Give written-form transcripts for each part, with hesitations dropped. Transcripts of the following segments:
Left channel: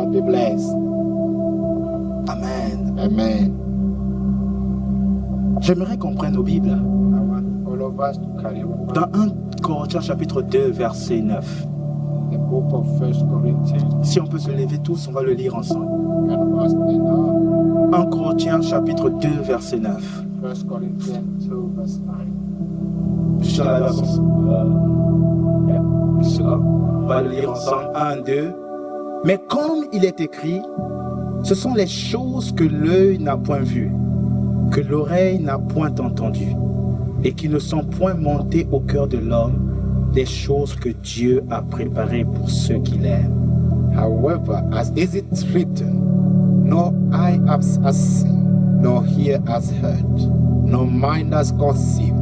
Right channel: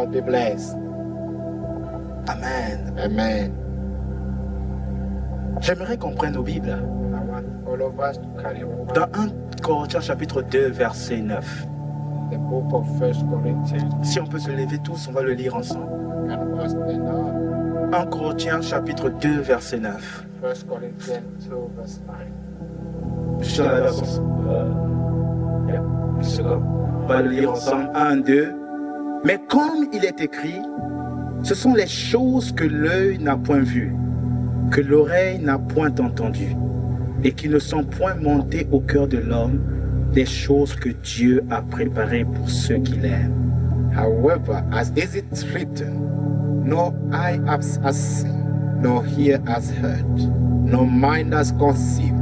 God be blessed. Amen. Amen. J'aimerais qu'on prenne nos Bibles. I want all of us to carry on Dans 1 Corinthiens chapitre 2, verset 9. the book of 1 Corinthians. Si on peut se lever tous, on va le lire ensemble. Can we stand up? 1 Corinthiens chapitre 2, verset 9. 1 Corinthians 2, verse 9. Je suis dans la version. Une seconde. On va le lire ensemble. 1, 2. Mais comme il est écrit, ce sont les choses que l'œil n'a point vues, que l'oreille n'a point entendues, et qui ne sont point montées au cœur de l'homme, des choses que Dieu a préparées pour ceux qui l'aiment. However, as is it written, no eye has seen, nor ear has heard, no mind has conceived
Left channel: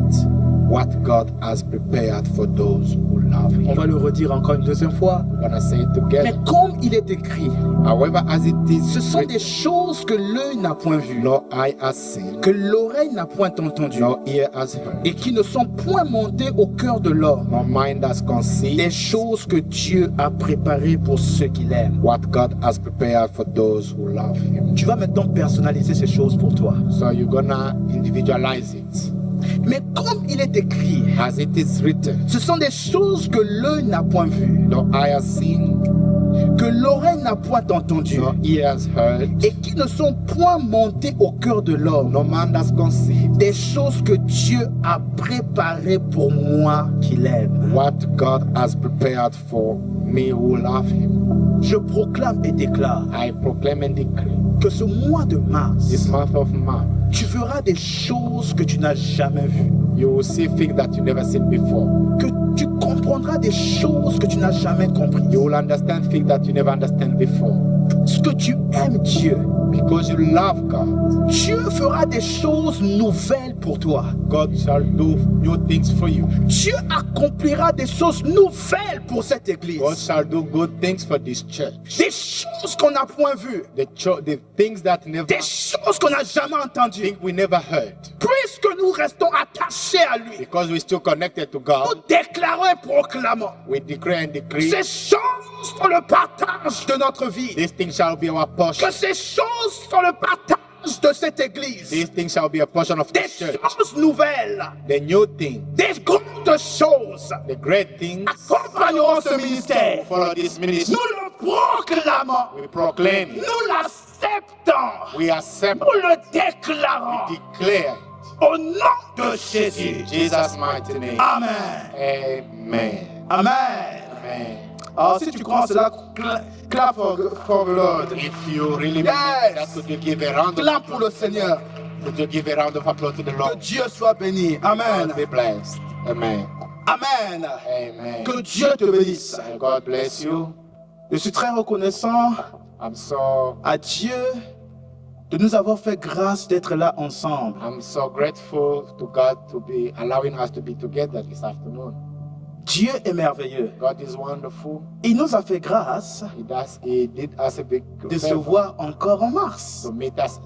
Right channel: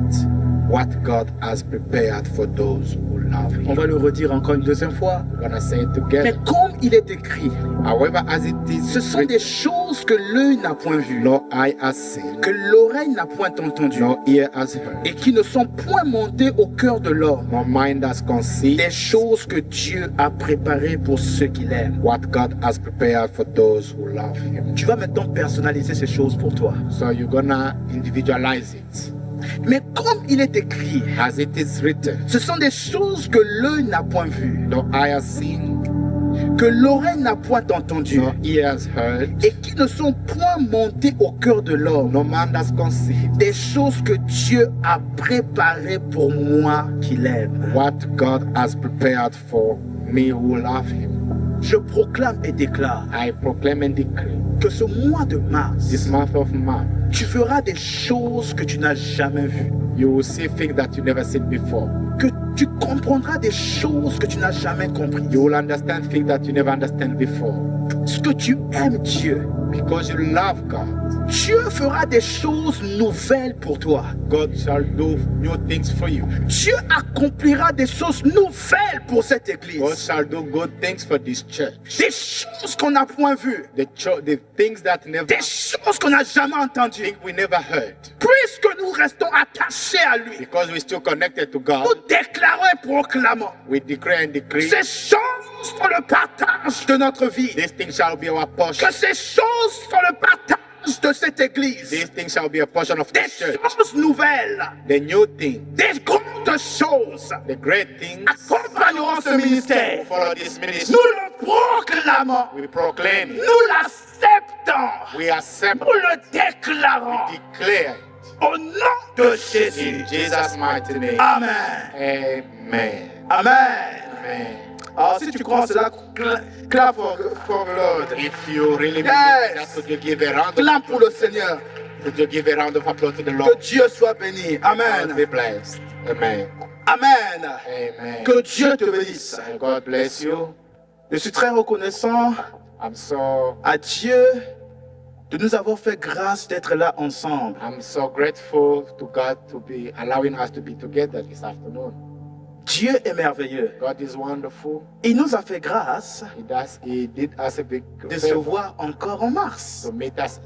what God has prepared for those who love On Him. va le redire encore une deuxième fois. We're gonna say it Mais together. comme il est écrit, However, as it ce is sont des written, choses que l'œil n'a point vues, no eye has seen, que l'oreille n'a point entendues, no ear has heard, et qui ne sont point montées au cœur de l'homme, no mind has des conceived choses que Dieu a préparées pour ceux qui l'aiment. what God has prepared for those who love Him. Tu vas maintenant personnaliser ces choses pour toi. So you're gonna individualize it. Mais comme il est écrit, As it is written, ce sont des choses que l'œil n'a point vues, no eye has seen, que l'oreille n'a point entendues, no ear has heard, et qui ne sont point montées au cœur de l'homme, no man has conceived des choses que Dieu a préparées pour moi qui l'aime. what God has prepared for me who love Him. Je proclame et déclare I proclaim and decree que ce mois de mars, this month of March, tu feras des choses que tu n'as jamais vues, you will see things that you never seen before. que tu comprendras des choses que tu n'as jamais comprises, You will understand things that you never understand before. parce que tu aimes Dieu. Because you love God, Dieu fera des choses nouvelles pour toi. God shall do new things for you. Dieu accomplira des choses nouvelles pour cette God église. shall do good things for this church. Des choses qu'on n'a point vues, The things that never des choses qu'on n'a jamais entendues. think we never heard. Puisque nous restons attachés à lui, Because we're still connected to nous God, déclarons et proclamons. we declare and decree Ces choses sont le partage de notre vie. these things shall be our portion. Que ces choses sont le partage de cette église. These things shall be a portion of Des this church. choses nouvelles, The new thing, des grandes choses the great things accompagneront ce ministère. follow this ministry. Nous le proclamons. We proclaim it. Nous l'acceptons. We accept Nous le déclarons. it. Declare Au nom de it. Jésus. In Jesus' mighty name. Amen. Amen. Amen. Amen. Alors si tu crois cela, clap for the Lord. If you really believe Yes. that, could you give a round of Clap pour le applause? Seigneur. Could you give a round of applause to the Que Lord? Dieu soit béni. Amen. God be blessed. Amen. Amen. Amen. Que Dieu te bénisse. And God bless you. Je suis très reconnaissant I'm so de nous avoir fait grâce d'être là ensemble. grateful to God to be allowing us to be together this afternoon. Dieu est merveilleux. God is wonderful. Il nous a fait grâce He did us a big de se favor voir encore en mars.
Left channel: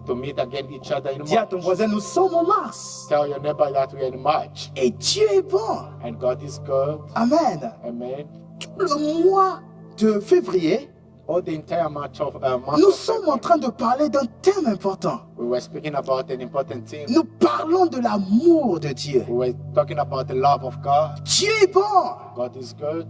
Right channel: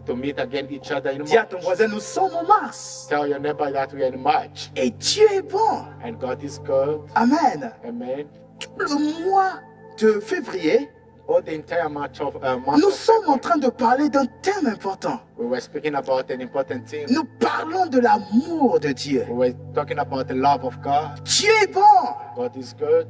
to meet again each other in Dis à ton March. voisin, nous sommes en mars. Tell your neighbor that we are in March. Et Dieu est bon. And God is good. Amen. Amen. Tout le mois de février, All the entire month of nous sommes en train de parler d'un thème important. we were speaking about an important thing. Nous parlons de l'amour de Dieu. We were talking about the love of God. Dieu est bon. God is good.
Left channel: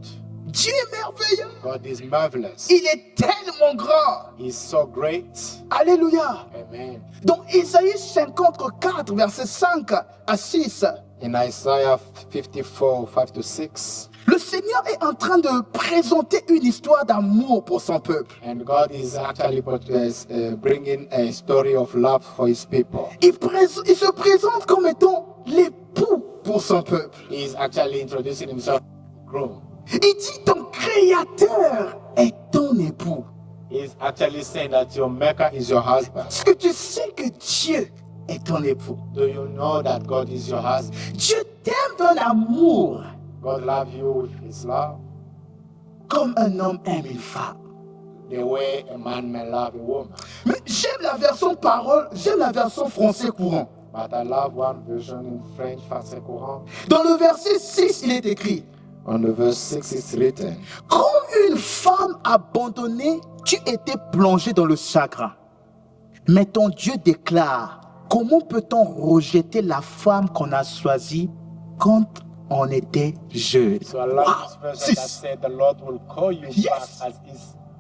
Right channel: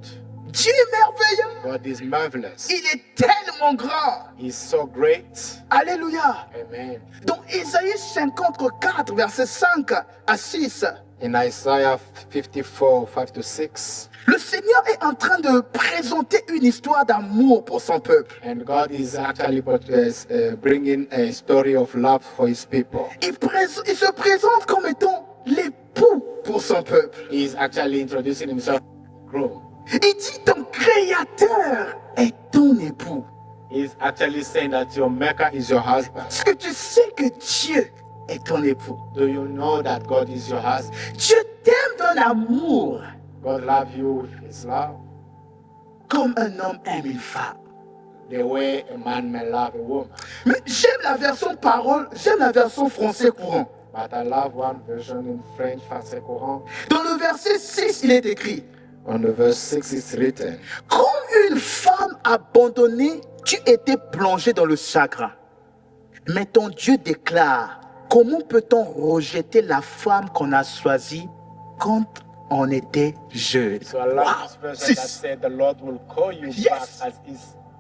Dieu est merveilleux. God is marvelous. Il est tellement grand. He's so great. Alléluia. Amen. Dans Isaïe 54, versets 5 à 6, In Isaiah 54, 5 to 6, le Seigneur est en train de présenter une histoire d'amour pour son peuple. and God is actually bringing a story of love for His people. Il se présente comme étant l'époux pour son peuple. He's actually introducing Himself as groom. Il dit ton créateur est ton époux. He's actually saying that your maker is your husband. Est-ce que tu sais que Dieu est ton époux? Do you know that God is your husband? Dieu t'aime d'un amour God loves you with His love, comme un homme aime une femme. the way a man may love a woman. Mais j'aime la version parole, j'aime la version français courant. But I love one version in French, français courant. Dans le verset 6, il est écrit: On the verse 6 it's written, comme une femme femme abandonnée, tu étais plongé dans le chagrin. Mais ton Dieu déclare, comment peut-on rejeter la femme qu'on a choisie quand on était jeune? So I like this verse that said the Lord will call you Yes. back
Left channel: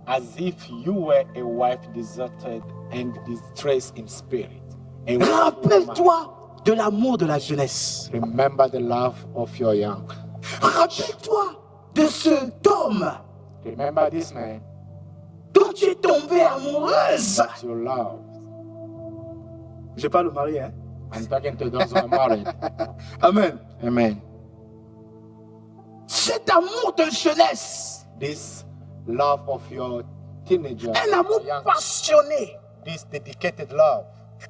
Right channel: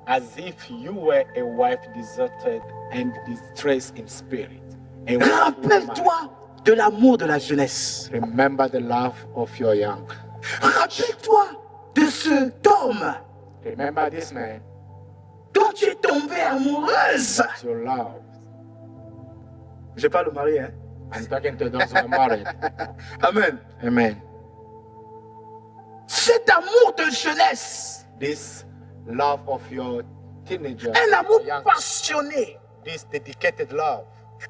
as if you were a wife deserted and distressed in spirit. A wife Rappelle-toi de l'amour de la jeunesse. Remember the love of your young. Rappelle-toi de cet homme Remember this man dont tu es tombée amoureuse. that you love. Je parle au mari, hein? I'm talking to those who are married. Amen. Amen. Cet amour de jeunesse, This love of your teenager, un amour your young, passionné, this dedicated love,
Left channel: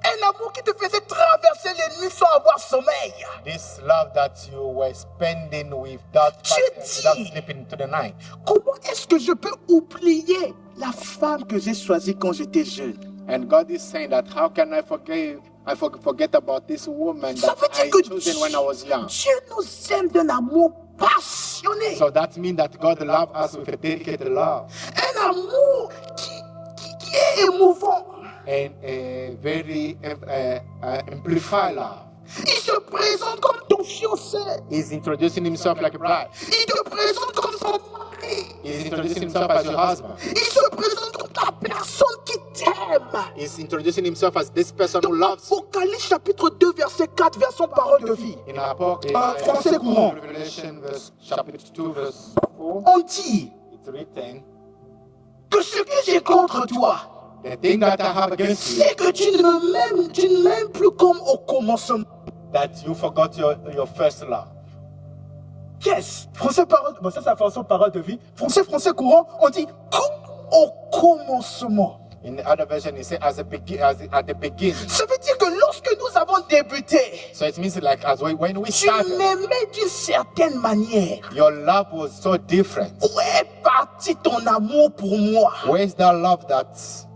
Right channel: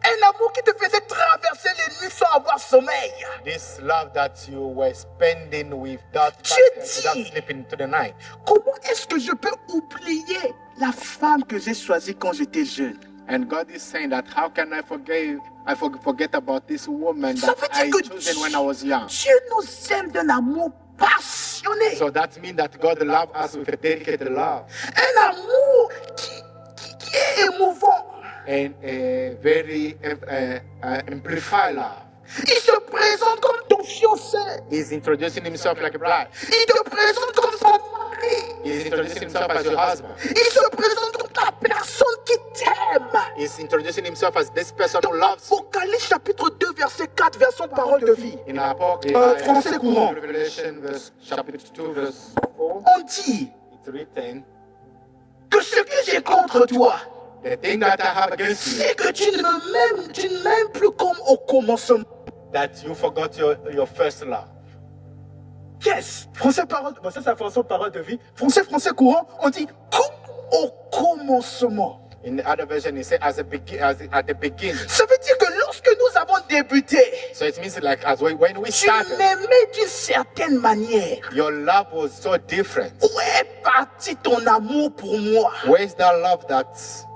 un amour qui te faisait traverser les nuits sans avoir sommeil. this love that you were spending without Dieu sleeping dit, to the night. comment est-ce que je peux oublier la femme que j'ai choisie quand j'étais jeune? And God is saying that how can I forget about this woman Ça that veut I dire que chosen when I was young. Dieu nous aime d'un amour passionné. So that means that God loved us with a dedicated love Un amour qui est émouvant. and a very amplified love. Il se présente comme ton fiancé. He's introducing himself like a bride. Il te présente comme son mari. He's introducing himself as your husband. Il se présente comme la personne qui t'aime. He's introducing himself as this person who loves you. Apocalypse chapitre 2 verset 4 version parole de vie. In Français courant. Revelation chapter 2 verse 4, On dit it's written, que ce que j'ai contre toi, the thing that I have against you, c'est que tu ne m'aimes plus comme au commencement. that you forgot your first love. Yes. Français parole, bon, ça c'est la façon parole de vie. Français courant, on dit comme au commencement. In the other version, it says at the beginning. Ça veut dire que lorsque nous avons débuté, So it means like as when we tu started, m'aimais d'une certaine manière. your love was so different. Où est parti ton amour pour moi? Where's that love that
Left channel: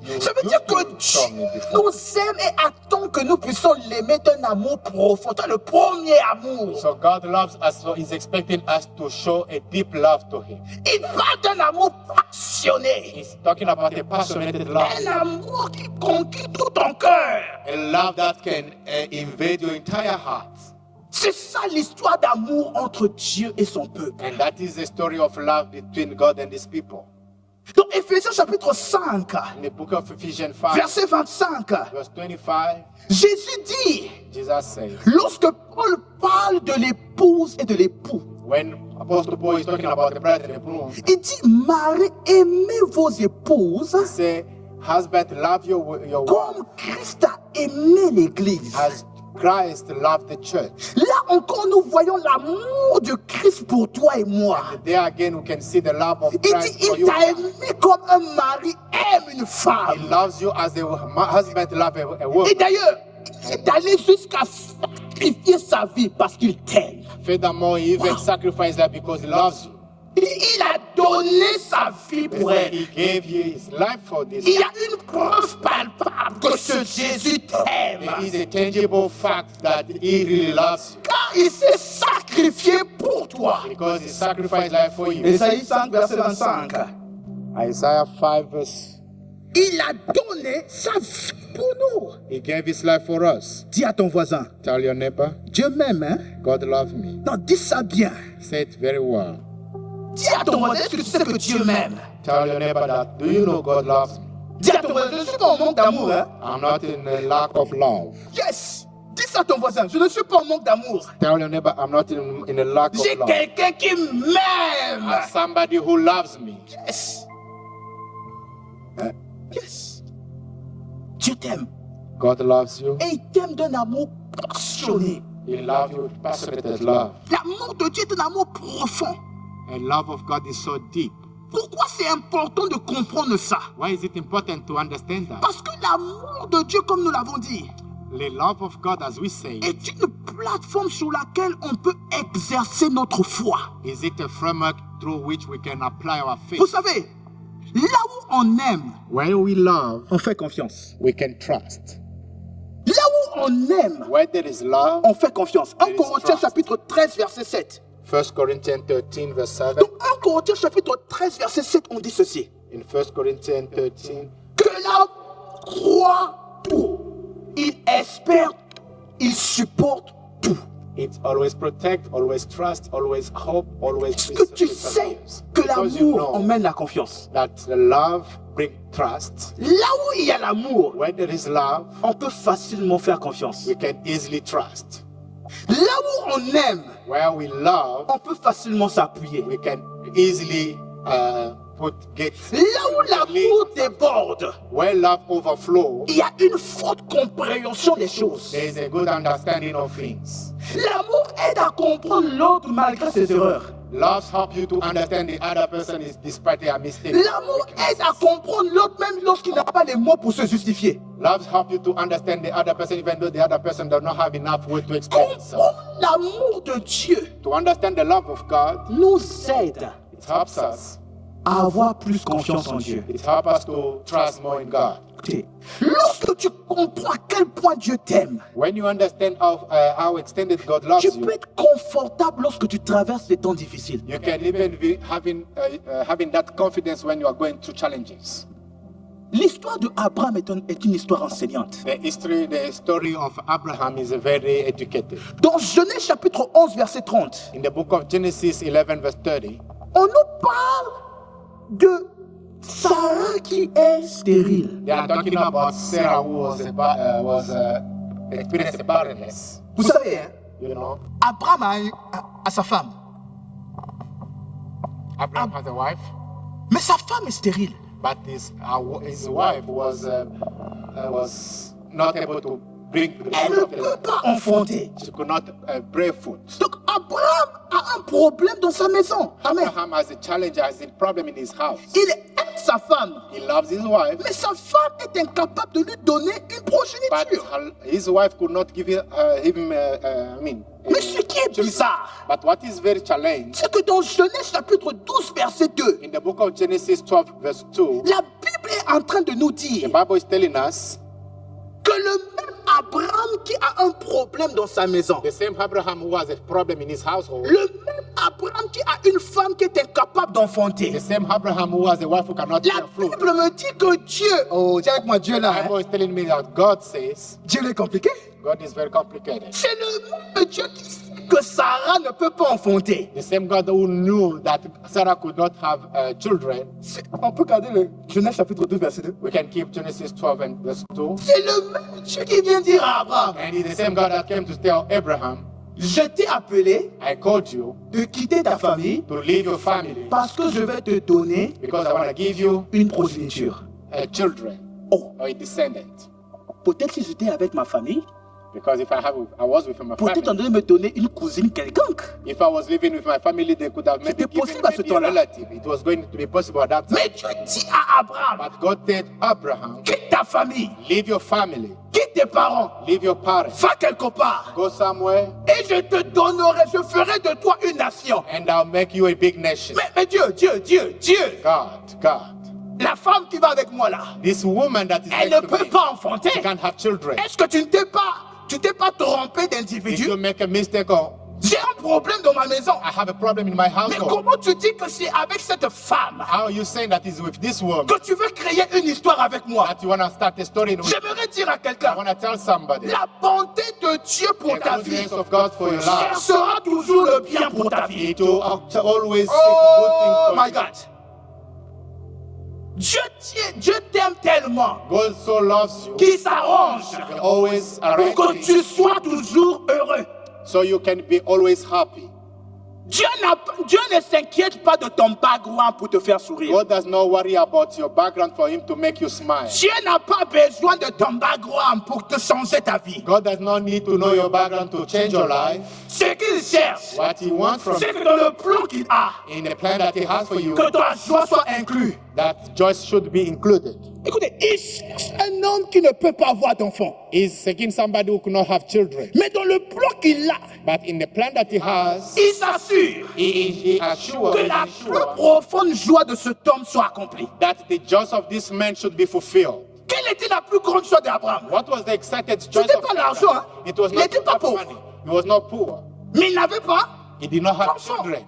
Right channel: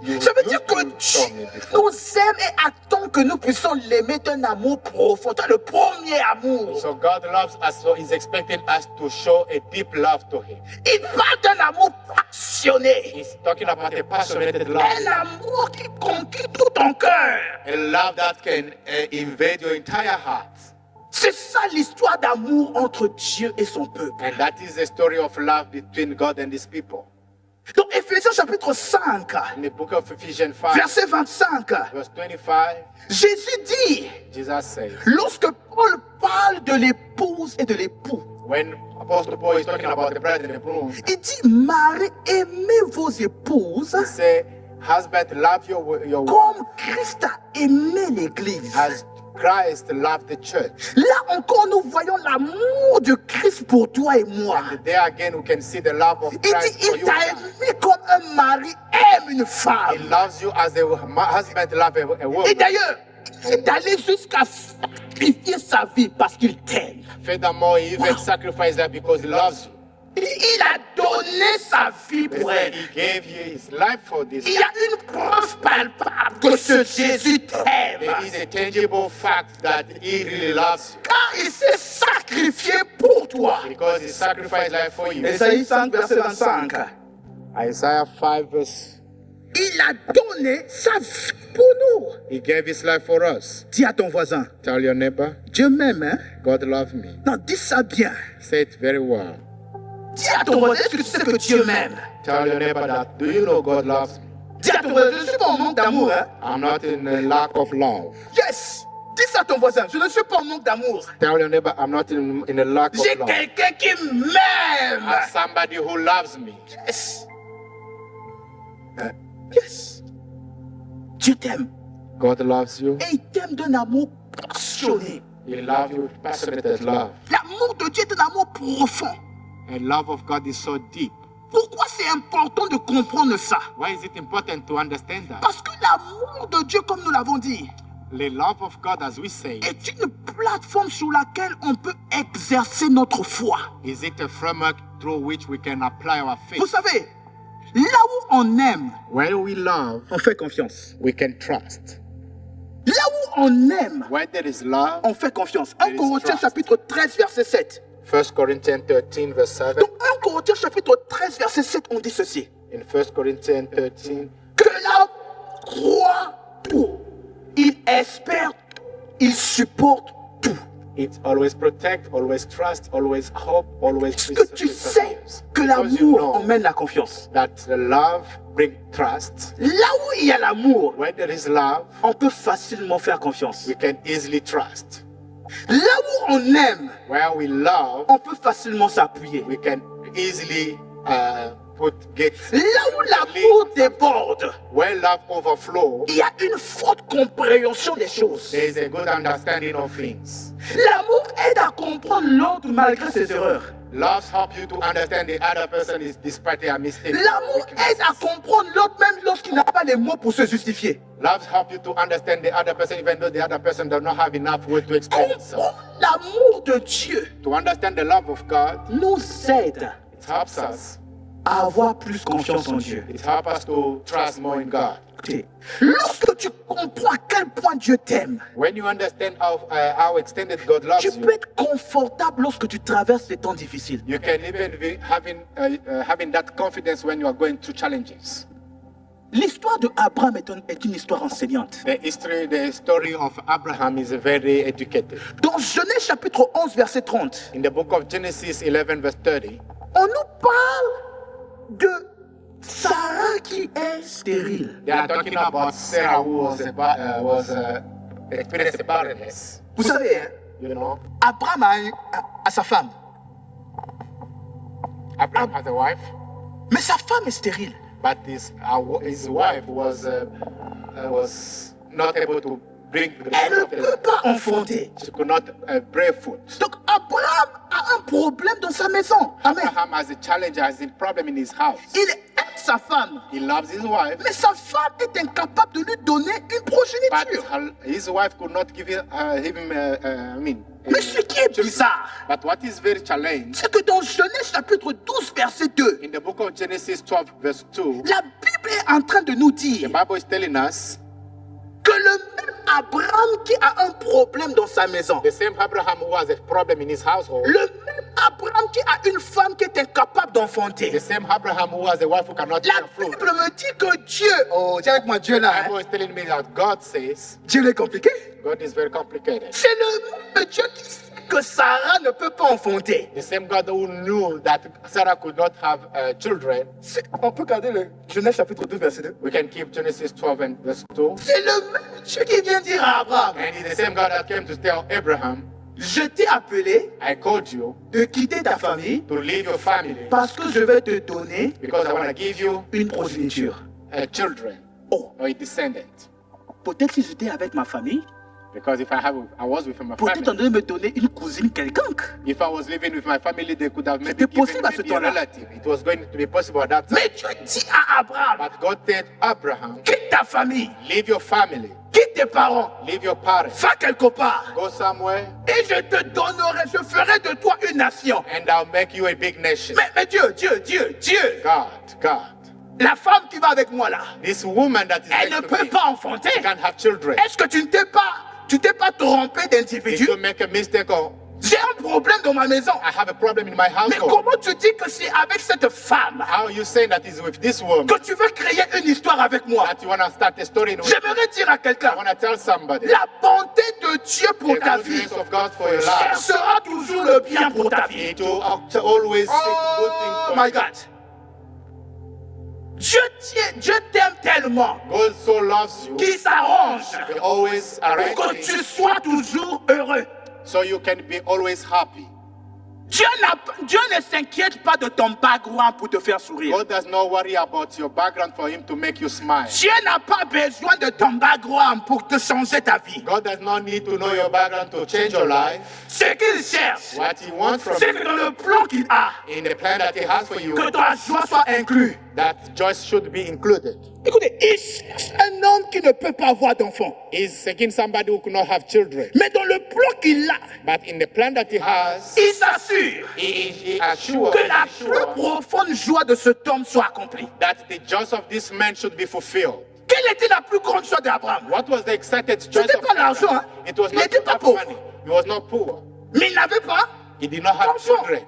you Ça veut used dire que to show me Dieu before? nous aime et attend que nous puissions l'aimer d'un amour profond. C'est le premier amour. So God loves us, so He's expecting us to show a deep love to Him. Il parle d'un amour passionné. He's talking about a passionate love, Un amour qui conquit tout ton cœur. a love that can invade your entire heart. C'est ça l'histoire d'amour entre Dieu et son peuple. And that is the story of love between God and His people. Dans Éphésiens chapitre 5, In the book of Ephesians 5, verset 25, verse 25, Jésus dit, Jesus says, lorsque Paul parle de l'épouse et de l'époux, when Apostle Paul is talking about the bride and the groom, il dit, Marie, aimez vos épouses he say, husband, love your wife comme Christ a aimé l'Église. as Christ loved the church. Là encore, nous voyons l'amour de Christ pour toi et moi. And there again, we can see the love of Il dit, Christ for il you. t'a aimé comme un mari aime une He femme. loves you as a husband loves a woman. Et d'ailleurs, il est allé jusqu'à sacrifier sa vie parce qu'il t'aime. Furthermore, he even sacrificed that because he loves you. Il a donné sa vie pour elle. He gave you his life for this. Il y a une preuve palpable que ce Jésus t'aime. There is a tangible fact that he really loves you Car il s'est sacrifié pour toi. because he sacrificed life for you. Ésaïe 5, verset 25. Isaiah 5 verse. Il a donné sa vie pour nous. He gave his life for us. Dis à ton voisin, Tell your neighbor, Dieu m'aime, hein? God loves me. Non, dis ça bien. Say it very well. Dis à ton voisin, est-ce que tu sais que Dieu m'aime? Tell your neighbor that, do you know God loves me? Dis à ton voisin, je ne suis pas en manque d'amour, hein? I'm not in a lack of love. Yes! Dis ça à ton voisin, je ne suis pas en manque d'amour. Tell your neighbor, I'm not in a lack of J'ai love. quelqu'un qui m'aime. I'm somebody who loves me. Yes. Yes. Dieu t'aime. God loves you. Et il t'aime d'un amour passionné. He loves you with passionate love. L'amour de Dieu est un amour profond. And love of God is so deep. Pourquoi c'est important de comprendre ça? Why is it important to understand that? Parce que l'amour de Dieu, comme nous l'avons dit, The love of God, as we say, est une plateforme sur laquelle on peut exercer notre foi. is it a framework through which we can apply our faith? Vous savez, là où on aime, When we love, on fait confiance. we can trust. Là où on aime, Where there is love, on fait confiance. 1 There is Corinthiens trust. chapitre 13, verset 7. 1 Corinthians 13, verse 7. Dans 1 Corinthiens chapitre 13, verset 7, on dit ceci. In 1 Corinthians 13, Que l'homme croit tout. Il espère tout. Il supporte tout. it always protect, always trust, always hope, always Est-ce que tu sais que Because you l'amour know emmène la confiance? that the love brings trust. Là où il y a l'amour, Where there is love, on peut facilement faire confiance. we can easily trust. Là où on aime, Where we love, on peut facilement s'appuyer. we can easily get. Là où l'amour déborde, Where love overflows, il y a une forte compréhension des choses. there is a good understanding of things. L'amour aide à comprendre l'autre malgré ses erreurs. Love helps you to understand the other person is despite their mistakes. L'amour aide à comprendre l'autre même lorsqu'il n'a pas les mots pour se justifier. Love helps you to understand the other person even though the other person does not have enough words to explain himself. Comprendre l'amour de Dieu To understand the love of God, nous aide it helps us. à avoir plus confiance en Dieu. It helps us to trust more in God. Écoutez, lorsque tu comprends à quel point Dieu t'aime, When you understand how extended God loves tu you, peux être confortable lorsque tu traverses les temps difficiles. you can even be having that confidence when you are going through challenges. L'histoire de Abraham est une histoire enseignante. The story of Abraham is very educated. Dans Genèse chapitre 11, verset 30, In the book of Genesis 11, verse 30, on nous parle de Sarah qui est stérile. they are talking about Sarah who was experienced barrenness. Vous savez, hein, You know, Abraham a sa femme, Abraham has a wife, mais sa femme est stérile. but his wife was not able to bring the Elle ne fruit of peut the. pas enfanter. She could not bear fruit. Donc Abraham a un problème dans sa maison. Amen. Abraham has a challenge, has a problem in his house. Il aime sa femme, He loves his wife, mais sa femme est incapable de lui donner une but progéniture. his wife could not give him. Mais ce qui est bizarre, But what is very challenging c'est que dans Genèse chapitre 12, verset 2, in the book of Genesis 12, verse 2, la Bible est en train de nous the dire Bible is telling us que le même Abraham qui a un problème dans sa maison, the same Abraham who has a problem in his household, le même Abraham qui a une femme qui est incapable d'enfanter. the same Abraham who has a wife who cannot La bear fruit. Bible me dit que Dieu, oh, dis avec moi Dieu The là, Bible hein. is telling me that God says Dieu est compliqué. God is very complicated. C'est le même Dieu qui sait que Sarah ne peut pas enfanter. The same God who knew that Sarah could not have children. On peut garder le Genèse chapitre 12, verset 2. We can keep Genesis 12 and verse 2. C'est le même Dieu qui vient dire à Abraham, And it's the same God that came to tell Abraham, je t'ai appelé I called you de quitter ta famille to leave your family parce que je vais te donner because I want to give you une progéniture. children Oh, or a descendant. peut-être si j'étais avec ma famille, Because if I was with my peut-être on family, devait me donner une cousine quelconque. if I was living with my family, they could have maybe C'était given possible à ce maybe a temps-là. relative. It was going to be possible at that time. Mais Dieu dit à Abraham, But God said, Abraham, quitte ta famille, leave your family, quitte tes parents, leave your parents, va quelque part, go somewhere, et je te donnerai, je ferai de toi une nation. and I'll make you a big nation. Mais Dieu, God, la femme qui va avec moi là, this woman that is elle ne next to peut me, pas enfanter. she can't have children. Est-ce que tu t'es pas trompé Did d'individu? you make a mistake or J'ai un problème dans ma maison. I have a problem in my Mais household? comment tu dis que c'est avec cette femme How are you saying that is with this woman que tu veux créer une histoire avec moi? that you want to start a story with? J'aimerais dire à I quelqu'un, want to tell somebody la bonté de Dieu pour the ta vie goodness of God for your life. cherchera toujours le bien pour ta vie. It will always seek Oh good things for my you. God. Dieu t'aime tellement God so loves you, qu'il s'arrange He always pour arranges que things tu sois toujours heureux. so you can be always happy. Dieu ne s'inquiète pas de ton background pour te faire sourire. God does not worry about your background for Him to make you smile. Dieu n'a pas besoin de ton background pour te changer ta vie. God does not need to know your background to change your life. Ce qu'il cherche, What He wants from c'est you que dans le plan qu'il a, in the plan that He has for you, que ta joie soit inclue. that joy should be included. Écoutez, il cherche un homme qui ne peut pas avoir d'enfant. He's seeking somebody who cannot have children. Mais dans le plan qu'il a, But in the plan that He has, il s'assure He assures que la plus profonde joie de cet homme soit accomplie. that the joys of this man should be fulfilled. Quelle était la plus grande joie d'Abraham? What was the excited joy C'était of pas l'argent, Abraham? hein. It was Il not n'était pas to have pauvre. money. He was not poor. Mais il n'avait pas He did not have d'enfants. children.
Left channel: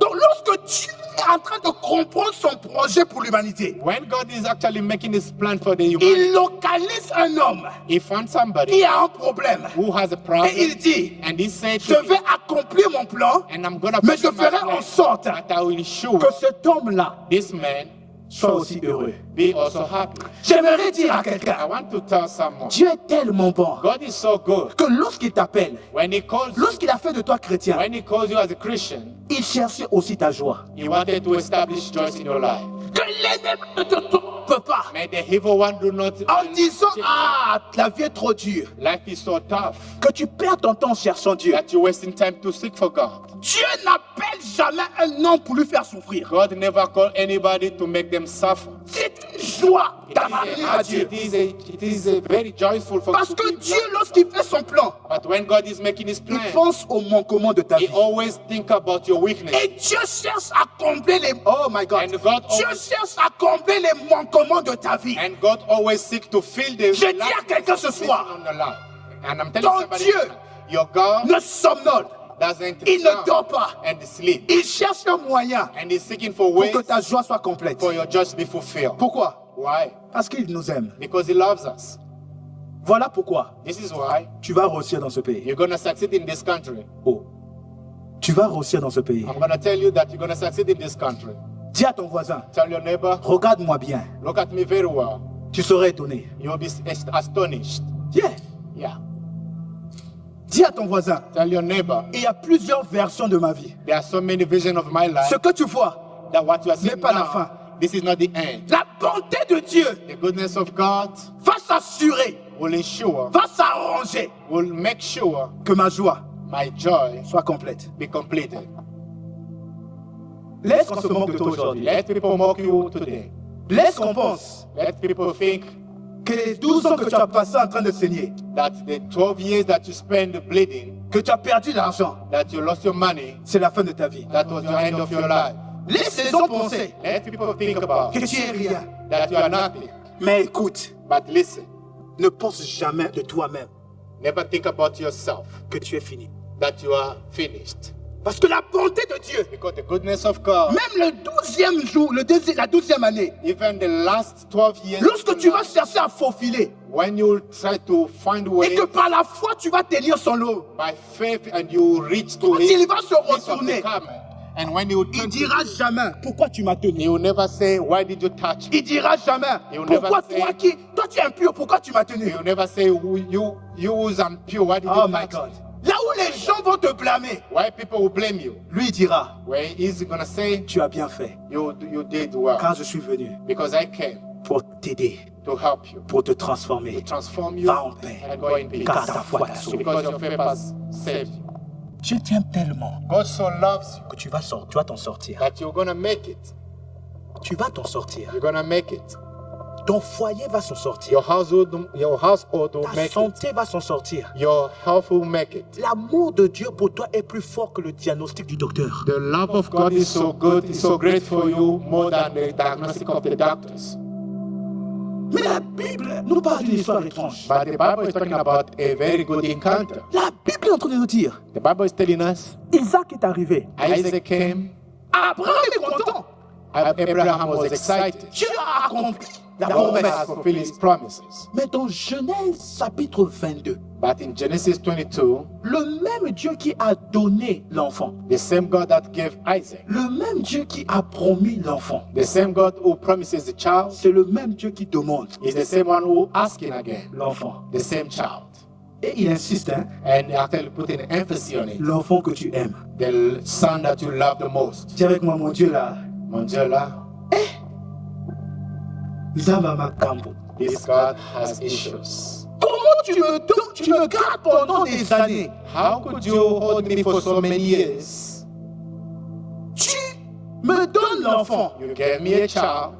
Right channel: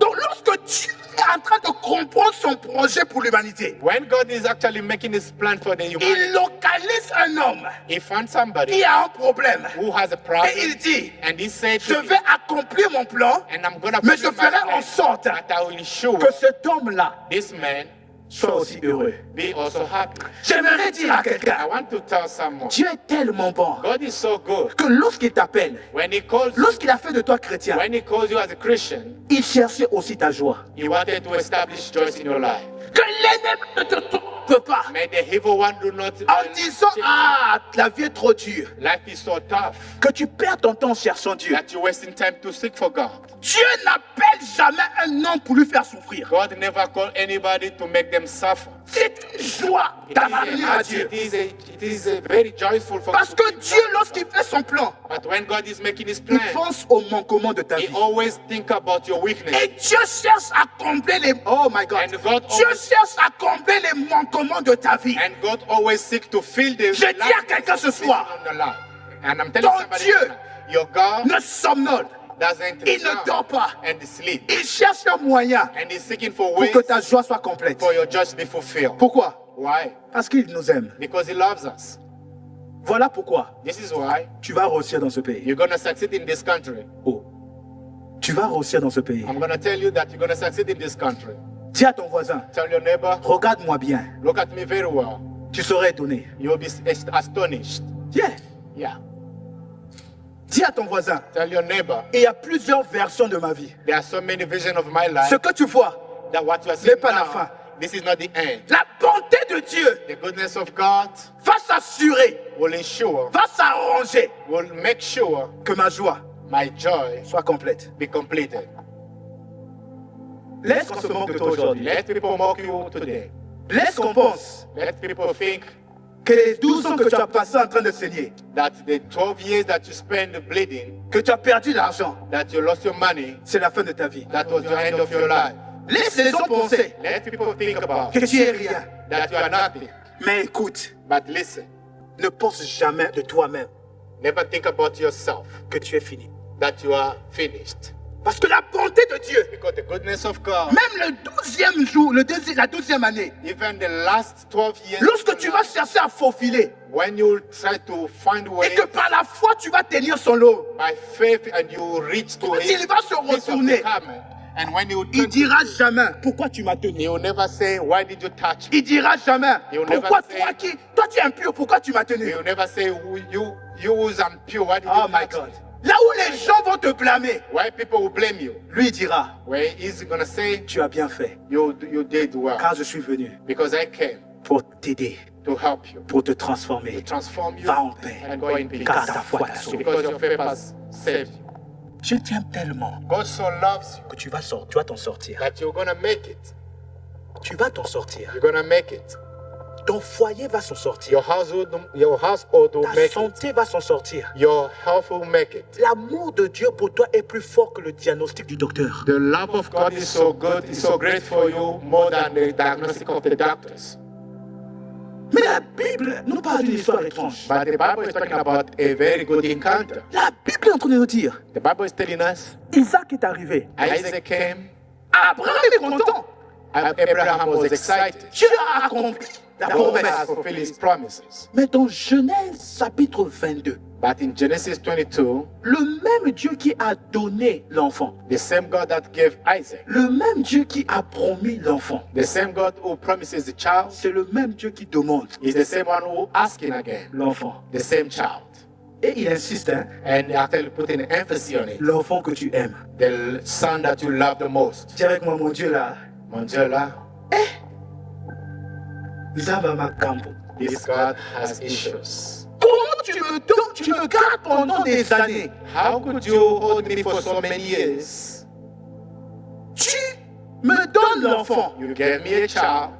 Donc lorsque Dieu est en train de comprendre son projet pour l'humanité, When God is actually making his plan for the il humanity, localise un homme he found somebody qui a un problème. who has a Et problem, il dit, and he said je to vais me, accomplir mon plan, and I'm gonna mais je fulfill my ferai en plan, sorte that I will ensure que cet homme-là this man soit aussi heureux. be also happy. J'aimerais dire à I quelqu'un, want to tell someone, Dieu est tellement bon God is so good. que lorsqu'il t'appelle, When he calls you, lorsqu'il a fait de toi chrétien, when he calls you as a Christian, il cherchait aussi ta joie. he wanted to establish joy in your life. Que l'ennemi ne te trompe pas May the evil one do not en disant, cheat. ah, la vie est trop dure. Life is so tough Que tu perds ton temps en cherchant Dieu. that you're wasting time to seek for God. Dieu n'appelle jamais un homme pour lui faire souffrir. God never called anybody to make them suffer. C'est une joie d'appartenir à Dieu. It is a very joyful for Parce que Dieu, lorsqu'il fait son plan, But when God is making his il plan, pense au manquement de ta he vie. always think about your weakness. Et Dieu cherche à combler les... Oh my God. And God Dieu always, cherche à combler les manquements de ta vie. and God always seek to fill the Je dis à quelqu'un ce soir, on the life. And I'm telling ton somebody, Dieu your God ne somnole. doesn't Il ne dort pas. and sleep. Il cherche un moyen And he's seeking for pour ways que ta joie soit complète. for your joy to be fulfilled. Pourquoi? Why? Parce qu'il nous aime. Because he loves us. Voilà pourquoi This is why tu vas réussir dans ce pays. you're going to succeed in this country. Oh. Tu vas réussir dans ce pays. I'm going to tell you that you're going to succeed in this country. Dis à ton voisin, Tell your neighbor, regarde-moi bien. look at me very well. Tu serais étonné. You'll be astonished. Yeah. Yeah. Dis à ton voisin, Tell your neighbor, il y a plusieurs versions de ma vie. there are so many visions of my life Ce que tu vois, that what you are n'est seeing pas la now, fin. this is not the end. La bonté de Dieu The goodness of God va s'assurer, will ensure, va s'arranger will make sure que ma joie my joy soit complète. be completed. Laisse qu'on se moque de toi aujourd'hui. Let people mock you today. Laisse qu'on pense Let people think que les 12 ans que tu as passé en train de saigner, that the 12 years that you spend bleeding, que tu as perdu l'argent, that you lost your money, c'est la fin de ta vie. that was your end of your life. Laisse les gens penser Let people think about que tu es rien. that you are nothing. Mais écoute, But listen, ne pense jamais de toi-même never think about yourself, que tu es fini. that you are finished. Parce que la bonté de Dieu, Because the goodness of God, même le 12e jour, la 12e année, even the last 12 years, lorsque of tu your vas life, chercher à faufiler when you try to find et ways que par la foi tu vas tenir son lot, by faith and you reach to quand it, il va se piece of the retourner, garment, and when you il turn to dira it, jamais pourquoi tu m'as tenu. he will never say, why did you touch me? Il dira jamais He will pourquoi never say- toi tu es impur, pourquoi tu m'as tenu. He will never say, you who's impure, why did Oh you my touch God. me? Là où les gens vont te blâmer, Why people will blame you? lui dira, Where is he gonna say, tu as bien fait, you did well? car je suis venu Because I came pour t'aider, to help you, pour te transformer. transform you, Va en paix, and go in peace. car ta foi t'a sauvé. Because your faith has saved you. Je t'aime tellement God so loves you que tu vas t'en sortir. that you're gonna make it. Tu vas t'en sortir. You're gonna make it. Ton foyer va s'en sortir. Your household will Ta make it. santé va s'en sortir. Your health will make it. L'amour de Dieu pour toi est plus fort que le diagnostic du docteur. The love of God is so good, is so great for you, more than the diagnostic of the doctors. Mais la Bible nous parle d'une histoire étrange. But the Bible is talking about a very good encounter. La Bible est en train de nous dire, The Bible is telling us Isaac est arrivé. Isaac came, Abraham est content. Abraham was excited. Dieu a accompli la God promesse. has fulfilled his promises. Mais dans Genèse chapitre 22, But in Genesis 22, le même Dieu qui a donné l'enfant, the same God that gave Isaac, le même Dieu qui a promis l'enfant, the same God who promises the child, c'est le même Dieu qui demande is the same one who asking again, l'enfant. the same child. Et il insiste, hein, And actually putting emphasis on it, l'enfant que tu aimes. the son that you love the most. Dis avec moi, mon Dieu là, Mon Dieu là, Nzamba Makambo. this God has issues. Comment tu me donnes, tu me gardes pendant des années? How could you hold me for so many years? Tu me donnes l'enfant You gave me a child,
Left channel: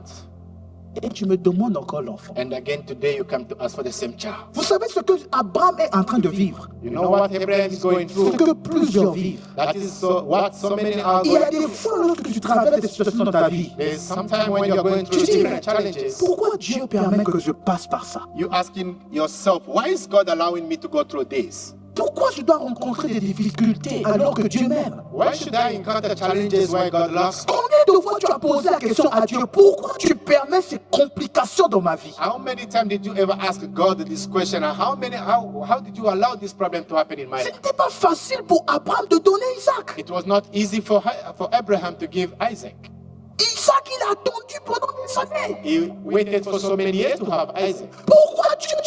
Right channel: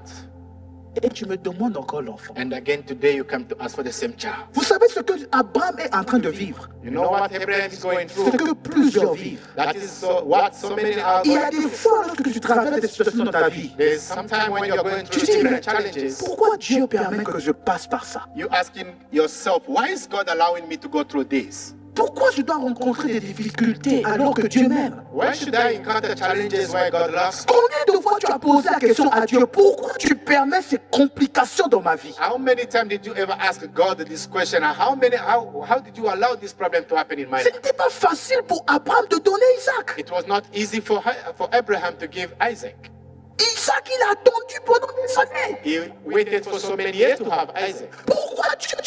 et tu me demandes encore l'enfant. and again today you come to ask for the same child. Vous savez ce que Abraham est en train de vivre? You know what Abraham is going Ce through? que plusieurs vivent. That is what so many are Il y a going des through. fois lorsque tu traverses des situations dans ta vie, There's sometimes when you're going tu through te dis, mais different challenges, pourquoi Dieu permet que je passe par ça? you asking yourself, why is God allowing me to go through this? Pourquoi je dois rencontrer des difficultés alors que Dieu m'aime? Why should I encounter challenges where God loves me? Combien de fois tu as posé la question à Dieu, pourquoi tu permets ces complications dans ma vie? How many times did you ever ask God this question? And how did you allow this problem to happen in my Ce life? n'était pas facile pour Abraham de donner Isaac. It was not easy for Abraham to give Isaac. Isaac, il a attendu pendant des années. He waited for so many years to have Isaac. Pourquoi tu me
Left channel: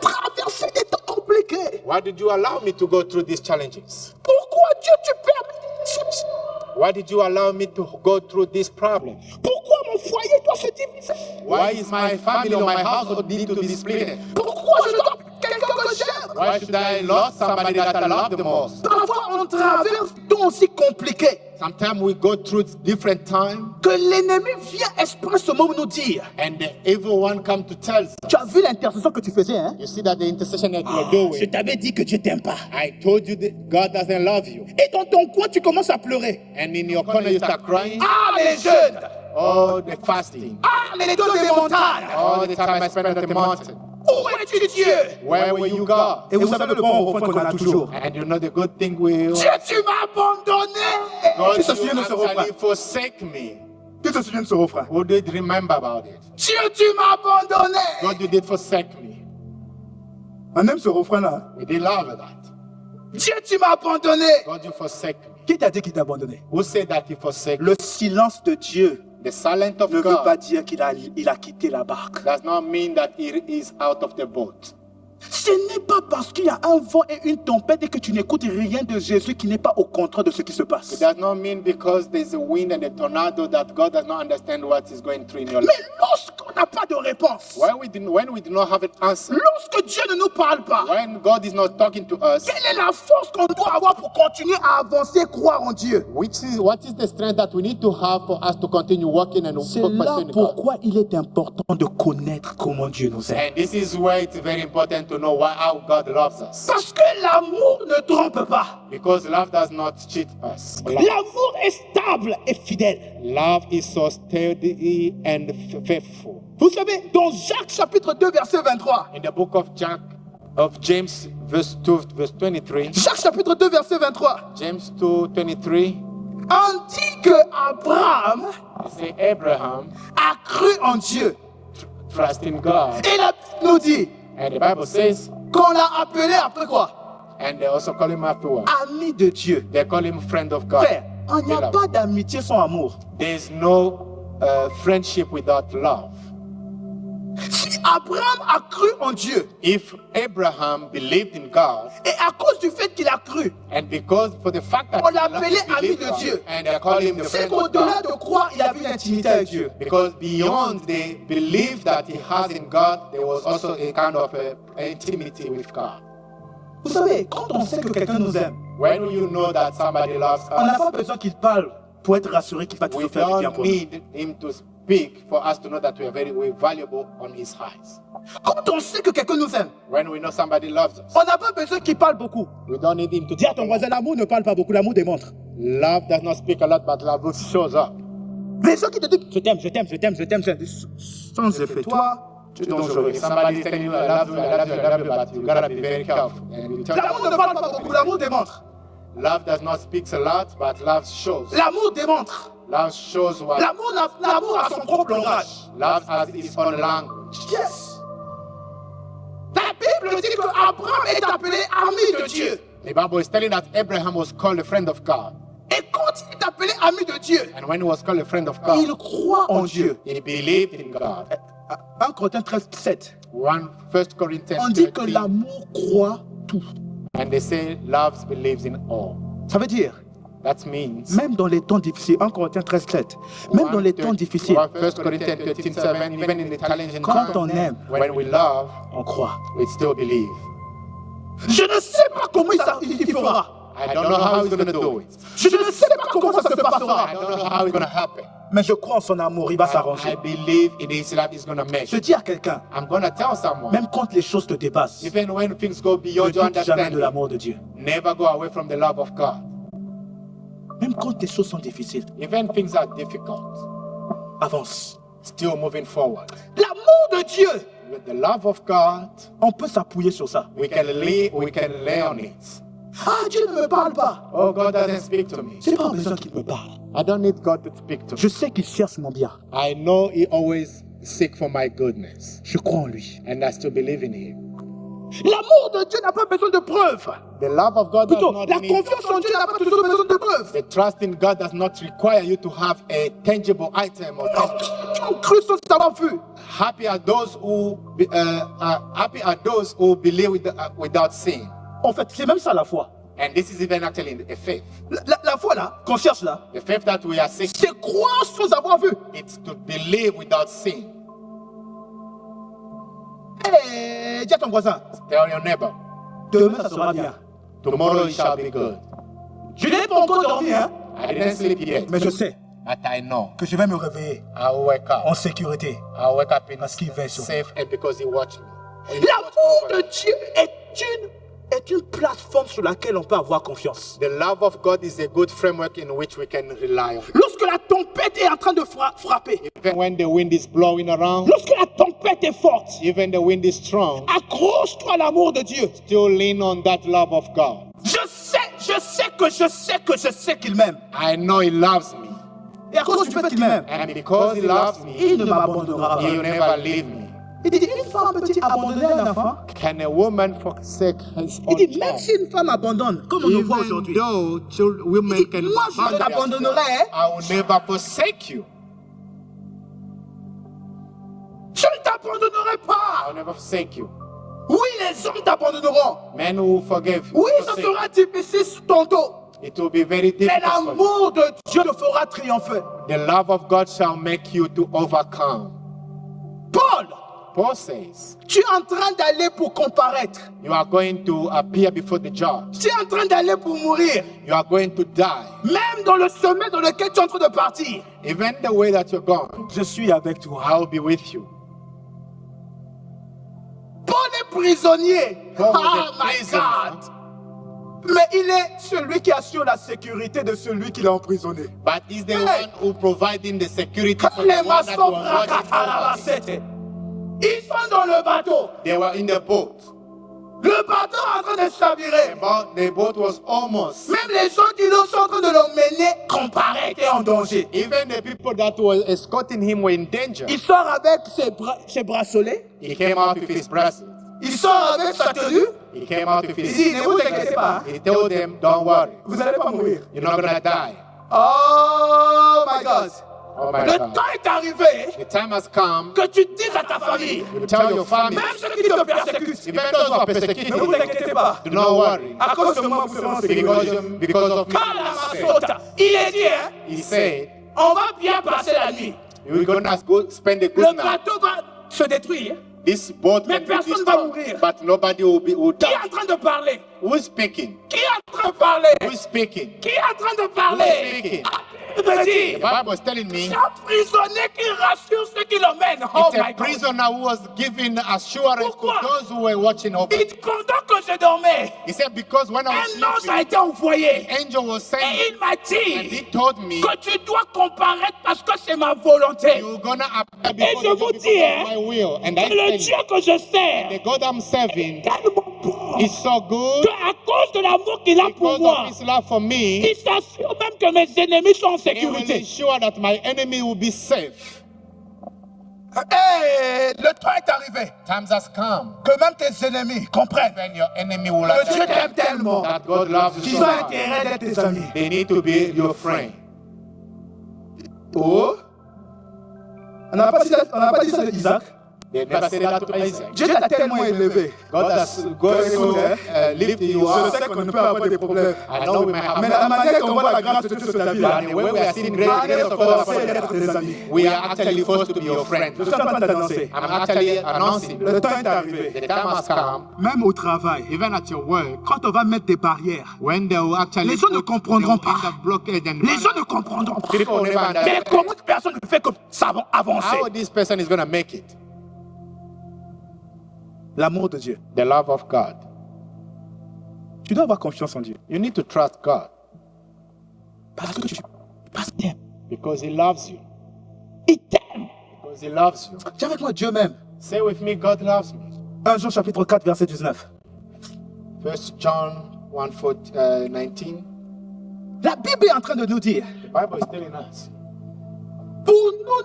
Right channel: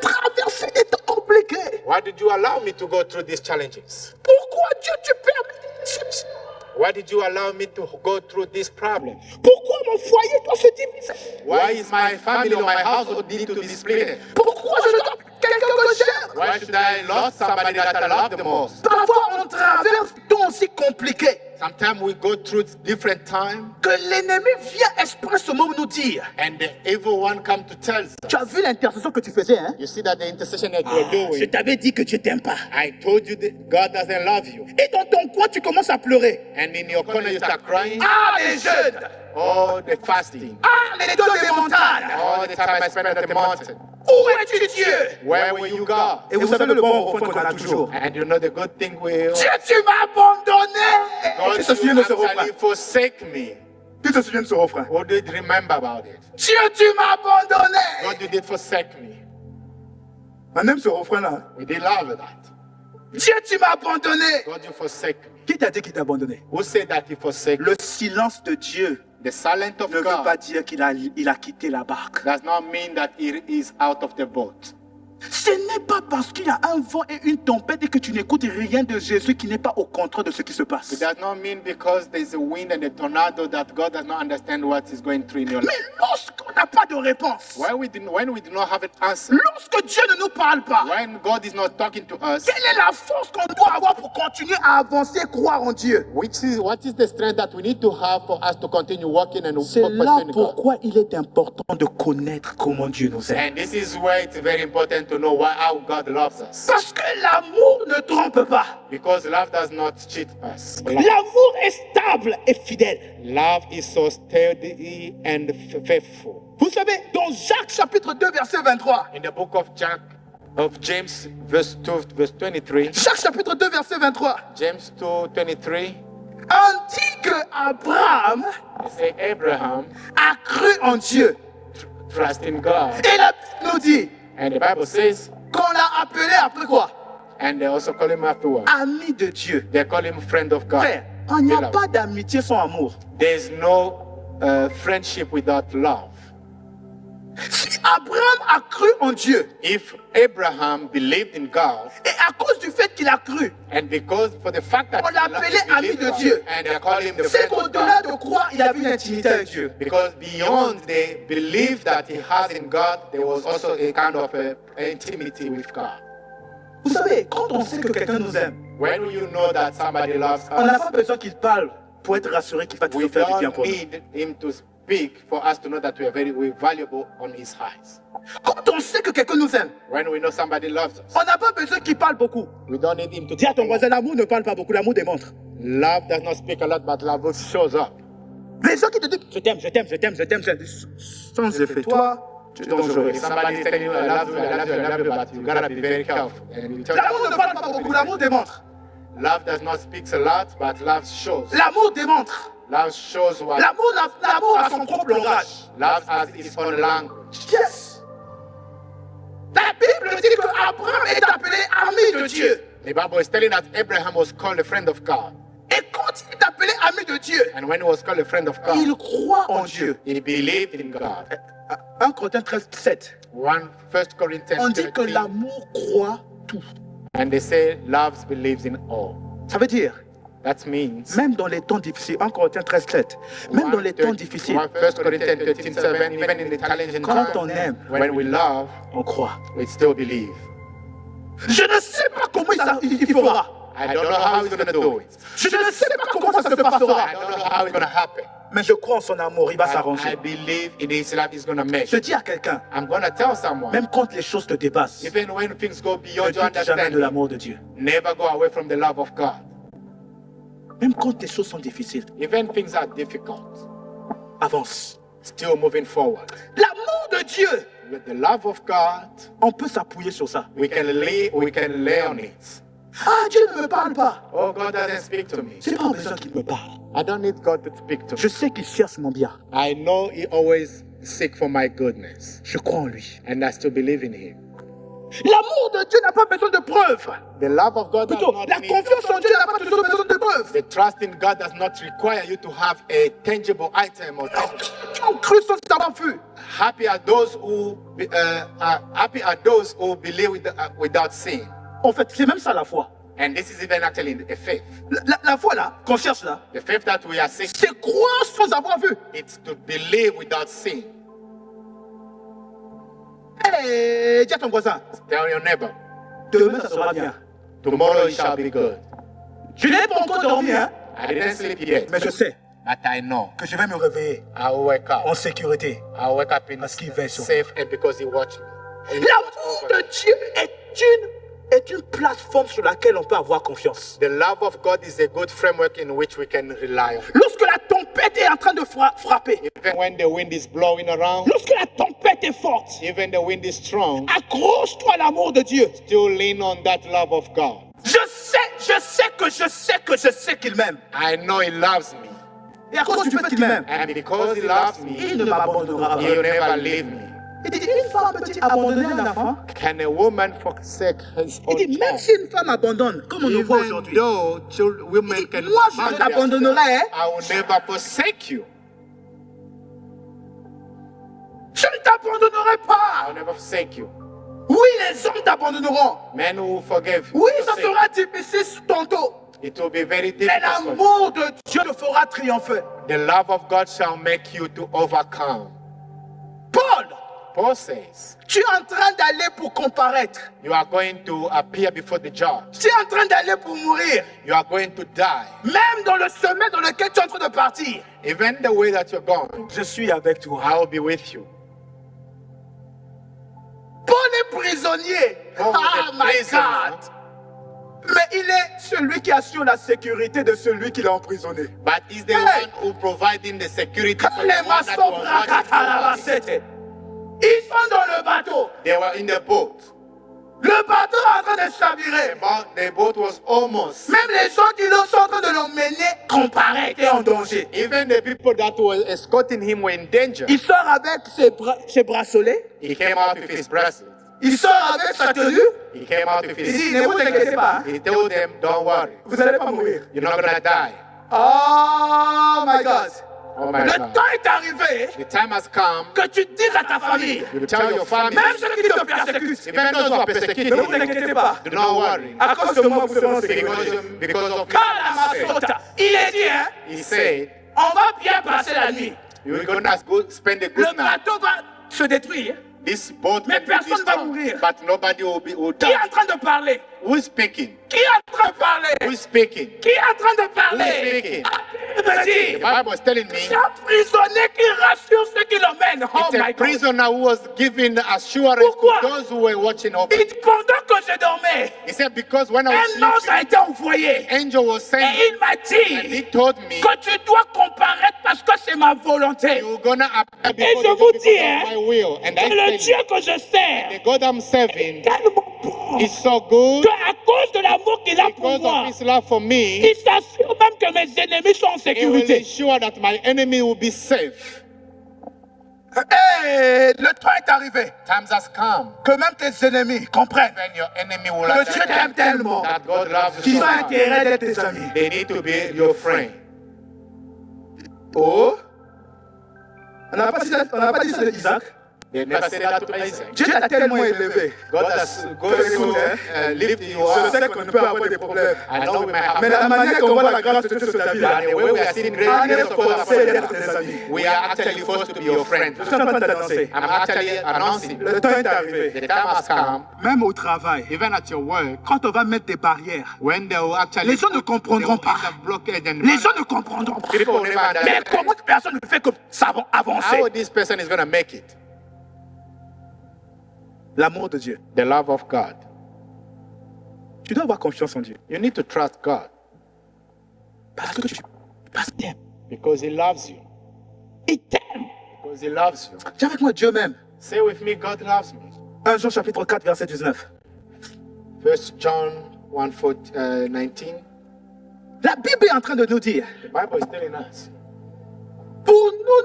traverses des temps compliqués? Why did you allow me to go through these challenges? Pourquoi Dieu tu permets des déceptions? Why did you allow me to go through this problem? Pourquoi mon foyer doit se diviser? Why is my family or my household need to be split? Pourquoi je dois quelqu'un que j'aime? Why should I lose somebody that I love the most? Parfois on traverse des temps aussi compliqués Sometimes we go through different times que l'ennemi vient expressément nous dire. and the evil one come to tell us. Tu as vu l'intercession que tu faisais, hein? You see that the intercession that you were Je doing. t'avais dit que Dieu t'aime pas. I told you that God doesn't love you. Et dans ton coin, tu commences à pleurer. And in your corner you start crying. Ah, mais les jeunes! Oh, the fasting. Ah, mais les dos des montagnes! All the time I spent at the mountain. Où es-tu, Dieu? Where will you go? Et vous savez le bon refrain qu'on a toujours. And you know the good thing will. Dieu, tu m'as abandonné! God, Tu te souviens de you ce refrain? actually forsake me. Tu te souviens de ce refrain? Who did remember about it? Dieu, tu m'as abandonné! God, you did forsake me. On aime ce refrain-là. We did love that. Dieu, tu m'as abandonné! God, you forsake me. Qui t'a dit qu'il t'a abandonné? Who said that he forsake me? Le silence de Dieu The silence of ne veut pas God dire qu'il a quitté la barque. does not mean that he is out of the boat. Ce n'est pas parce qu'il y a un vent et une tempête et que tu n'écoutes rien de Jésus qui n'est pas au contraire de ce qui se It passe. does not mean because there's a wind and a tornado that God does not understand what is going through in your life. Mais lorsqu'on n'a pas de réponse, When we do not have an answer, lorsque Dieu ne nous parle pas, when God is not talking to us, quelle est la force qu'on doit avoir pour continuer à avancer et croire en Dieu? what is the strength that we need to have for us to continue walking and C'est là pursuing God? pourquoi il est important de connaître comment Dieu nous aime. And this is where it's very important to know how God loves us. Parce que l'amour ne trompe pas. Because love does not cheat us. L'amour est stable et fidèle. Love is so steady and faithful. Vous savez, dans Jacques chapitre 2 verset 23, In the book of James, verse 2, verse 23, Jacques chapitre 2 verset 23, James 2, 23, on dit que Abraham they say Abraham a cru en Dieu. trust in God. Et la Bible nous dit And the Bible says, qu'on l'a appelé après quoi? and they also call him afterwards. Ami de Dieu. They call him friend of God. Frère, il n'y a Beloved. pas d'amitié sans amour. There's no friendship without love. Si Abraham a cru en Dieu, If Abraham believed in God, et à cause du fait qu'il a cru, and because for the fact that On he l'appelait he ami believed de God, Dieu. and they call him the c'est friend of qu'au-delà God, de croire, il avait une intimité avec Dieu. because beyond the belief that he has in God, there was also a kind of intimacy with God. Vous savez, quand on sait que quelqu'un nous aime, When you know that somebody loves on n'a us, pas besoin qu'il parle pour être rassuré qu'il va we toujours faire du bien don't pour nous. need him to speak for us to know that we're valuable on his eyes. Quand on sait que quelqu'un nous aime, When we know somebody loves us, on n'a pas besoin qu'il parle beaucoup. we don't need him to Dis à talk ton a lot. voisin, l'amour ne parle pas beaucoup, l'amour démontre. Love does not speak a lot, but love shows up. Les gens qui te disent, je t'aime, je t'aime, je t'aime, je t'aime, sans effet, toi, tu es dangereux. If somebody is telling you I love you, I love you, I love you, but you gotta be very careful. And you tell L'amour ne parle pas beaucoup, l'amour démontre. love does not speak a lot, but love shows. L'amour démontre. Love shows what L'amour a son propre langage. love has its own language. Yes. La Bible dit que Abraham est appelé ami de Dieu. The Bible is telling that Abraham was called a friend of God. Et quand il est appelé ami de Dieu, And when he was called a friend of il God, croit en Dieu. he believed in God. 1 Corinthiens 13, 7. 1 Corinthians On dit que 13, l'amour croit tout. and they say love believes in all. Ça veut dire, That means même dans les temps difficiles, 1 Corinthiens 13, 7, même dans les temps difficiles, 1 Corinthians 13, 7, even in the challenging quand times, on aime, when we love, on croit. we still believe. Je ne sais pas comment il fera. I don't know how he's going to do it. Je ne sais pas comment ça se I passera. don't know how it's going to happen. Mais je crois en son amour, il va I s'arranger. believe in his love is going to make Je it. dis à quelqu'un, I'm going to tell someone, même quand les choses te dépassent, even when things go ne beyond your doute jamais de understanding, l'amour de Dieu. never go away from the love of God. Même quand les choses sont difficiles, Even things are difficult, avance. still moving forward. L'amour de Dieu The love of God, on peut s'appuyer sur ça. we can lay on it. Ah, Dieu ne me parle pas. Oh, God doesn't speak to me. C'est pas besoin qu'il me parle. I don't need God to speak to me. Je sais qu'il cherche mon bien. I know He always seeks for my goodness, Je crois en lui. and I still believe in Him. L'amour de Dieu n'a pas besoin de preuves. The love of God does Plutôt, not la need. confiance en Dieu n'a pas toujours besoin de preuves. The trust in God does not require you to have a tangible item or tangible. On cru sans savoir vu. Happy are those who believe without seeing. En fait, c'est même ça la foi. And this is even actually a faith. La foi là, qu'on cherche là, The faith that we are seeking, c'est croire sans avoir vu. it's to believe without seeing. Hey, dis à ton voisin, Tell your neighbor, demain ça sera bien. tomorrow it shall be good. Je n'ai pas encore dormi, hein, I didn't sleep yet, mais je sais but I know que je vais me réveiller I will wake up. en sécurité. I'll wake up in Parce qu'il veille sur safe and because He watched me. And He L'amour watched over de Dieu est une plateforme sur laquelle on peut avoir confiance. me. The love of God is a good framework in which we can rely on. Lorsque la tempête est en train de frapper, Even when the wind is blowing around, lorsque la tempête est forte, even the wind is strong, accroche-toi à l'amour de Dieu. still lean on that love of God. Je sais qu'il m'aime. I know He loves me, Et à cause du fait qu'il m'aime, and because He loves me, il ne m'abandonnera He will pas. never leave me. Il dit, une femme peut-il abandonner un enfant? Can a woman forsake his Il own dit, même child? si une femme abandonne, comme on le voit Even aujourd'hui, though women Il dit, can moi, je abandon their t'abandonnerai, child, I will never forsake you. je ne t'abandonnerai I pas. will never forsake you. Oui, les hommes t'abandonneront. Men who forgive, Oui, ça forsake. sera difficile tantôt. It will be very Mais difficult. for you. l'amour de Dieu le fera triompher. The love of God shall make you to overcome. Paul, Paul says, tu es en train d'aller pour comparaître. you are going to appear before the judge. Tu es en train d'aller pour mourir. You are going to die. Même dans le sommet dans lequel tu es en train de partir. Even the way that you're going, Je suis avec toi. I will be with you. Paul est prisonnier. Paul was Ah, a my prisoner. God. Mais il est celui qui assure la sécurité de celui qui l'a emprisonné. But he's the Hey. one who providing the security Quand for the les one that maçons was watching over him. braquent, ils sont dans le bateau. They were in the boat. Le bateau est en train de chavirer. The boat was almost. Même les gens qui sont en train de l'emmener comparaient étaient en danger. Even the people that were escorting him were in danger. Il sort avec ses bracelets. He came out with his bracelet. Il sort avec sa tenue. He came out with Il his. dit, ne vous inquiétez pas. He told them, don't worry. Vous n'allez pas mourir. You're not gonna die. Oh my God. Oh my Le God. temps est arrivé The time has come. que tu dises à ta famille, You tell your family. même ceux qui te persécutent, Even those who are persecuting ne vous you, inquiétez pas. do not worry. À cause de moi, vous serez en sécurité. Because of me. Kalamazota. Il est dit, hein, He said, on va bien passer la nuit. you're gonna go spend a Le good night. bateau va se détruire. This boat Mais can be personne va destroyed, mourir. but nobody will Qui die. est en train de parler? Who is speaking? Qui est en train de parler? Who is speaking? Qui est en train de Who is parler? speaking? Il me The dit, Bible is telling me c'est un prisonnier qui rassure ceux qui l'emmènent. Oh it's a my God. prisoner who was giving assurance Pourquoi? to those who were watching over. Il dit, pendant que je dormais, He said, because when I un ange was a sleeping, été envoyé. angel was Et sent il m'a and he dit told me, que tu dois comparaître parce que c'est ma volonté. you're gonna appear Et before je the vous Lord dis, because hein, of my will. And que I le tell Dieu you, que je sers the God I'm serving est tellement bon is so good qu'à cause de l'amour qu'il a pour because moi, of his love for me. il s'assure même que mes ennemis sont en He will sécurité. ensure that my enemy will be safe. Et le temps est arrivé Times has come que même tes ennemis comprennent when your enemy will que Dieu t'aime understand tellement that God loves you qu'ils so ont much. intérêt d'être tes amis. They need to be your friend. Oh, on n'a pas dit ça d'Isaac. They never said that to Isaac. Dieu t'a tellement élevé. God has lifted you Je up. sais qu'on peut avoir des problèmes. I know we may have Mais la manière qu'on voit la grâce de Dieu sur ta vie, but là, the way we are seeing great on grace est of God forcé upon d'être us, tes amis. we are actually forced to be your friend. Je suis en train de t'annoncer. I'm actually announcing Le temps est arrivé. the time has come, Même au travail, even at your work, quand on va mettre des barrières, when they will actually les gens ne put- comprendront they will pas. put the blockade and Les gens ne comprendront pas. people will never Mais understand comment que personne ne fait comme ça va avancer? how this person is going to make it. L'amour de Dieu. The love of God. Tu dois avoir confiance en Dieu. You need to trust God Parce qu'il t'aime. because He loves you. Il t'aime. Because He loves you. Dis avec moi, Dieu m'aime. Say with me, God loves me. 1 Jean chapitre 4, verset 19. 1 John 19. La Bible est en train de nous dire, The Bible is telling us, pour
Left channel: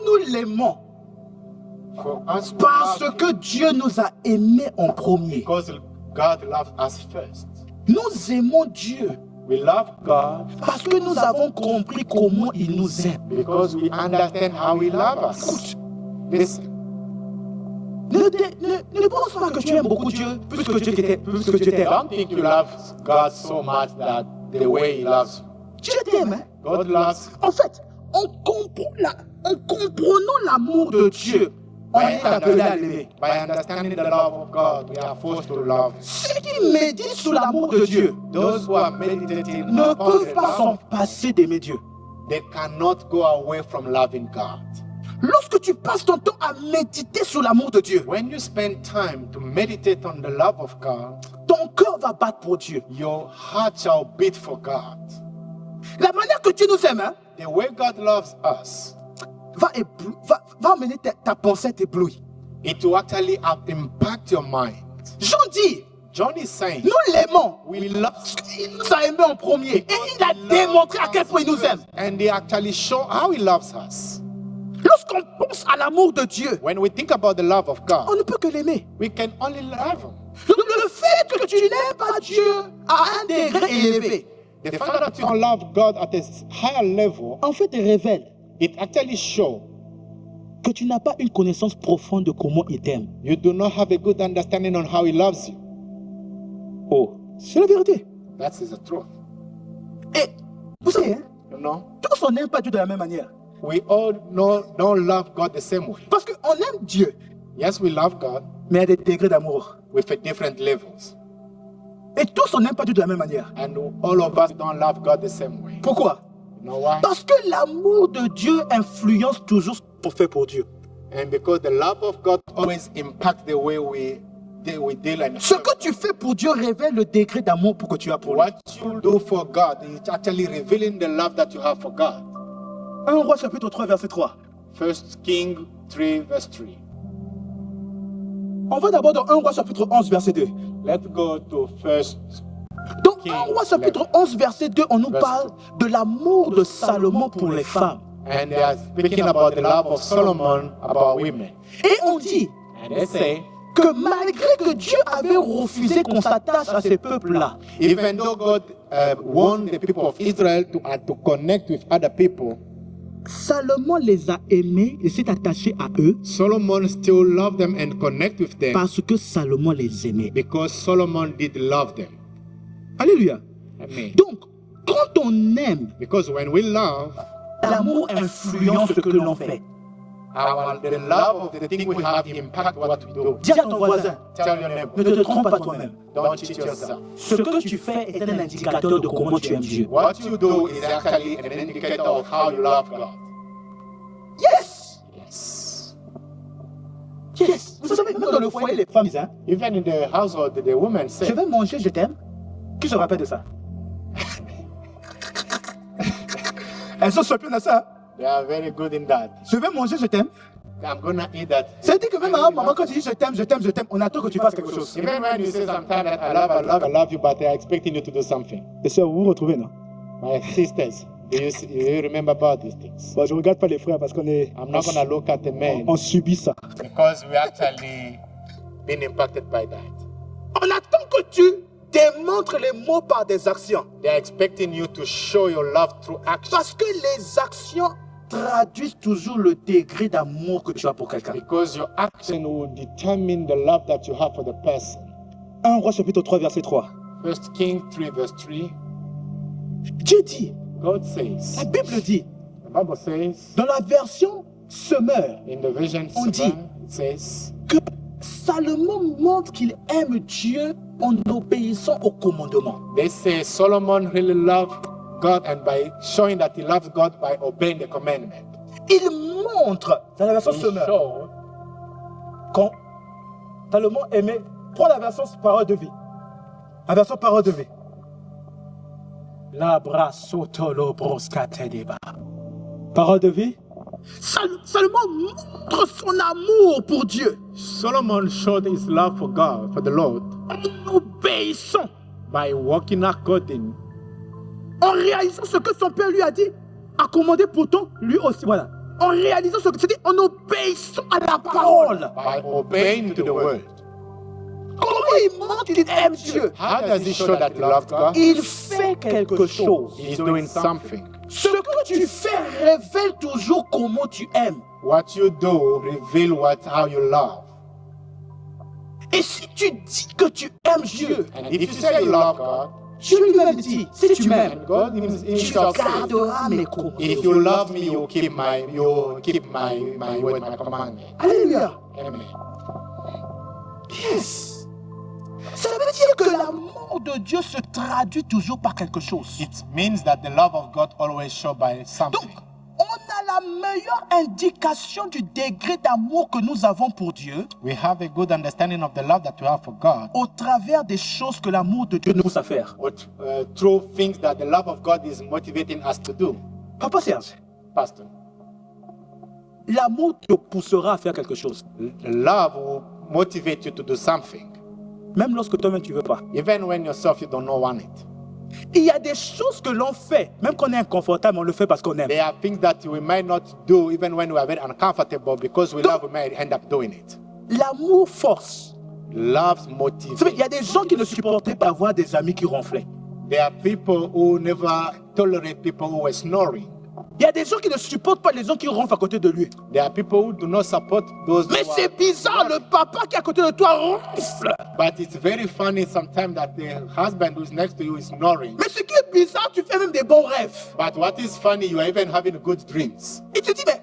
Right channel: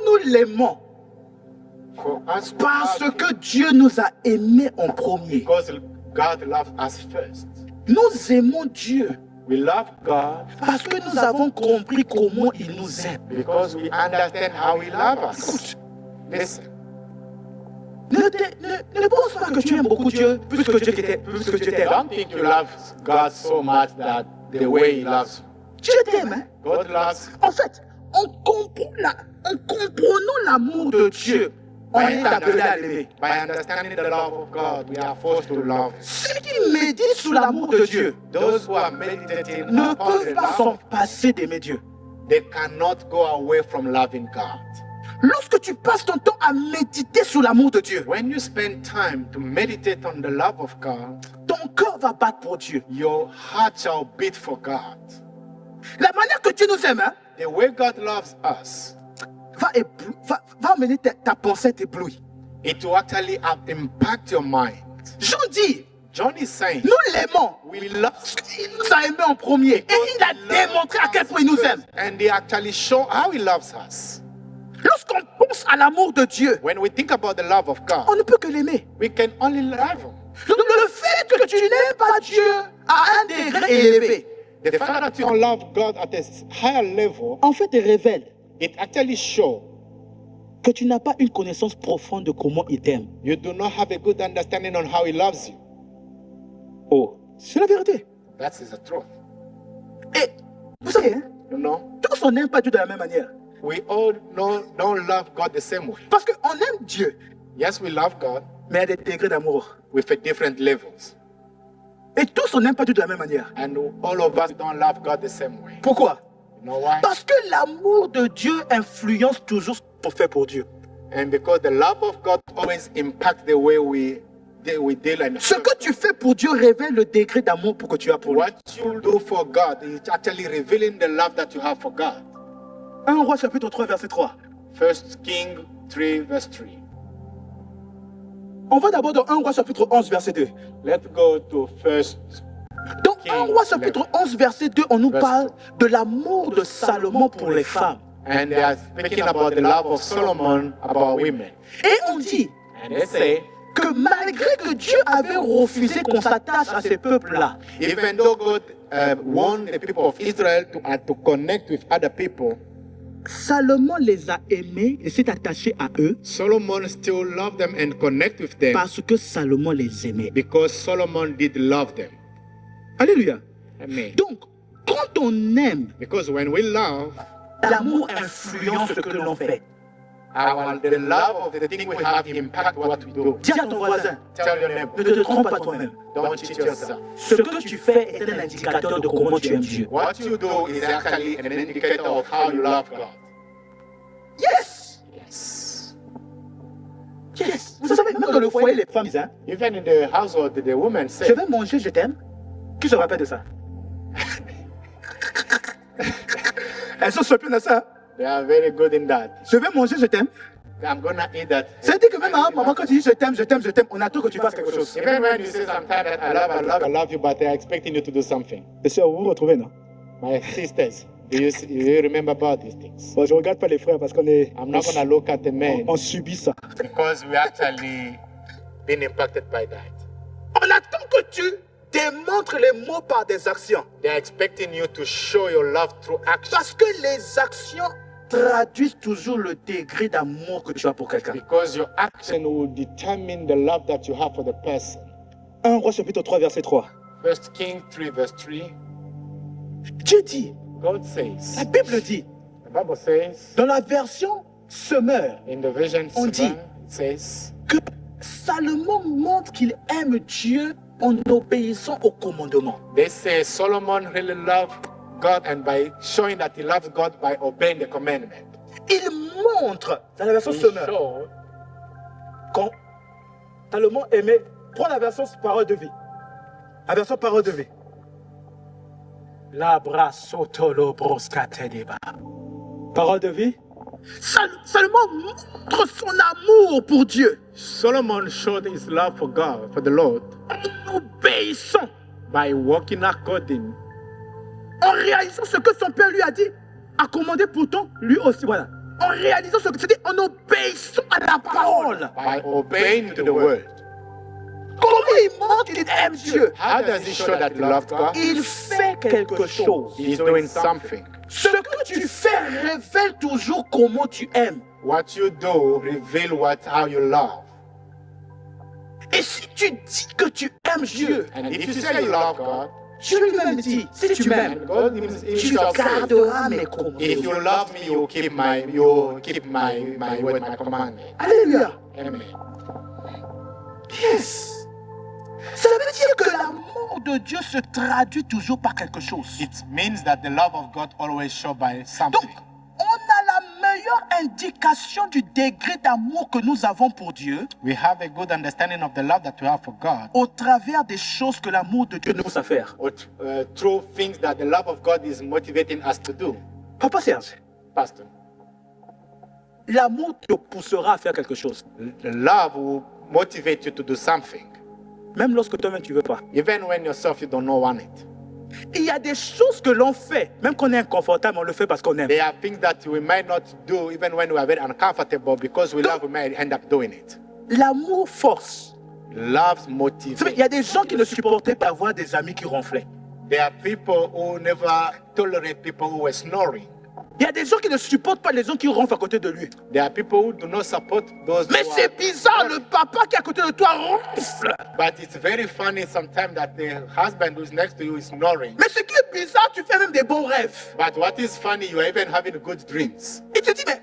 nous l'aimons, for us, parce que Dieu nous a aimés en premier. because God loved us first. Nous aimons Dieu We love God parce que nous avons compris comment il nous aime. because we understand how He loves us. Écoute, Listen, ne pense pas que tu aimes beaucoup Dieu plus que Dieu t'aime. don't think you love God so much that the way He loves you. Dieu t'aime. Hein? God loves En fait, en comprenant l'amour de Dieu, on est appelé à l'aimer. by understanding the love of God, we are forced to love. Ceux qui méditent sur l'amour de Dieu Those who are meditating ne upon peuvent the pas love, s'en passer d'aimer Dieu. they cannot go away from loving God. Lorsque tu passes ton temps à méditer sur l'amour de Dieu, When you spend time to meditate on the love of God, ton cœur va battre pour Dieu. your heart shall beat for God. La manière que Dieu nous aime, hein, The way God loves us, va amener ta pensée t'éblouir. it will actually impact your mind. Jean dit, John is saying, nous l'aimons. we love Il nous a aimés en premier. Et il a démontré à quel point il nous aime. and they actually show how He loves us. Lorsqu'on pense à l'amour de Dieu, When we think about the love of on God, ne peut que l'aimer. we can only love Him. Le fait que tu n'aimes pas Dieu à un degré élevé, The fact that you don't love God at a higher level, en fait, te révèle it actually shows que tu n'as pas une connaissance profonde de comment il t'aime. you do not have a good understanding on how He loves you. Oh, c'est la vérité. That is the truth. Et vous savez, hein, You know, tous on n'aime pas Dieu de la même manière. we all don't love God the same way. Parce qu'on aime Dieu, Yes, we love God mais à des degrés d'amour. with a different levels. Et tous on n'aime pas Dieu de la même manière. And all of us don't love God the same way. Pourquoi? You know why? Parce que l'amour de Dieu influence toujours ce qu'on fait pour Dieu. And because the love of God always impacts the way we deal and Ce que tu fais pour Dieu révèle le degré d'amour que tu as pour lui. what you do for God is actually revealing the love that you have for God. 1 Roi chapitre 3 verset 3. 1 King 3 verse 3. On va d'abord dans 1 Roi chapitre 11 verset 2. Let's go to first. Dans King 1 Roi chapitre 11 verset 2, on nous Verse parle de l'amour de Salomon pour les femmes. And they are speaking about the love of Solomon about women. Et on dit And they say, que malgré que Dieu avait refusé qu'on s'attache à ces peuples-là, even though God warned the people of Israel to connect with other people, Salomon les a aimés et s'est attaché à eux Solomon still loved them and connect with them parce que Salomon les aimait. because Solomon did love them. Alléluia. Amen. Donc, quand on aime, Because when we love, l'amour influence ce que l'on fait. the love of the thing we have impact what we do. Dis à ton voisin, Tell your neighbor, ne te trompe pas toi-même. don't cheat yourself. Ce que tu fais est un indicateur de comment tu aimes Dieu. What you do is actually an indicator of how you love God. Yes! Yes. Yes! Vous savez, même dans le foyer, les femmes disent, hein, Even in the household, the women je say, vais manger, je t'aime. Qui se rappelle de ça? Elles sont surprises de ça. they are very good in that. Je vais manger, je t'aime. I'm gonna eat that. C'est-à-dire que même à un moment, quand tu dis je t'aime, je t'aime, je t'aime, on attend que tu fasses quelque chose. Even when you say sometimes that I love you, but they are expecting you to do something. Les sœurs, vous vous retrouvez, non? My sisters, do you remember about these things? Bon, je ne regarde pas les frères parce qu'on est. I'm not gonna look at the men On subit ça. because we actually been impacted by that. On attend que tu démontres les mots par des actions. They are expecting you to show your love through action Parce que les actions traduisent toujours le degré d'amour que tu as pour quelqu'un. because your action will determine the love that you have for the person. 1 Roi chapitre 3 verset 3. 1 King 3 verse 3. Dieu dit, God says, la Bible dit, the Bible says, dans la version Semeur, in the vision On 7, dit, it says, que Salomon montre qu'il aime Dieu en obéissant au commandement. they say Solomon really loved God and by showing that he loves God by obeying the commandment. Il montre, dans la version He Semeur, showed quand Salomon aimait, prends la version parole de vie. La version parole de vie. La brasotolo broskate deba. Parole de vie. Salomon montre son amour pour Dieu Solomon showed his love for God, for the Lord, en obéissant, by walking according, en réalisant ce que son père lui a dit, a commandé pourtant lui aussi. Voilà. En réalisant ce que c'est-à-dire en obéissant à la parole. by obeying to the word. Comment il montre qu'il aime Dieu? How does he show that he loved God? Il fait quelque chose. He's doing something. Ce que tu fais révèle toujours comment tu aimes. What you do reveal how you love. Et si tu dis que tu aimes Dieu, And if you say you love God, Dieu lui-même dit, si tu m'aimes, and God tu himself says, garderas mes commandements. if you love me, you keep my word, my commandment. Alléluia. Amen. Yes. Ça veut dire que l'amour de Dieu se traduit toujours par quelque chose. It means that the love of God always shows by Donc, something. on a la meilleure indication du degré d'amour que nous avons pour Dieu We have a good understanding of the love that we have for God au travers des choses que l'amour de Dieu nous pousse à faire. through things that the love of God is motivating us to do. Papa Serge, Pastor, l'amour te poussera à faire quelque chose. the love will motivate you to do something, Même lorsque toi-même tu ne veux pas. even when yourself you don't know want it. Il y a des choses que l'on fait, même qu'on est inconfortable, on le fait parce qu'on aime. There are things that we might not do even when we are very uncomfortable because we love, we might end up doing it. L'amour force. Love Vous savez, il y a motivates. des gens qui ne supportaient pas avoir des amis qui ronflaient. There are people who never tolerate people who were snoring. Il y a des gens qui ne supportent pas les gens qui ronflent à côté de lui. There are people who do not support those Mais who c'est are, bizarre, le papa qui est à côté de toi ronfle. but it's very funny sometimes that the husband who's next to you is snoring. Mais ce qui est bizarre, tu fais même des bons rêves. But what is funny, you are even having good dreams. Il te dit, mais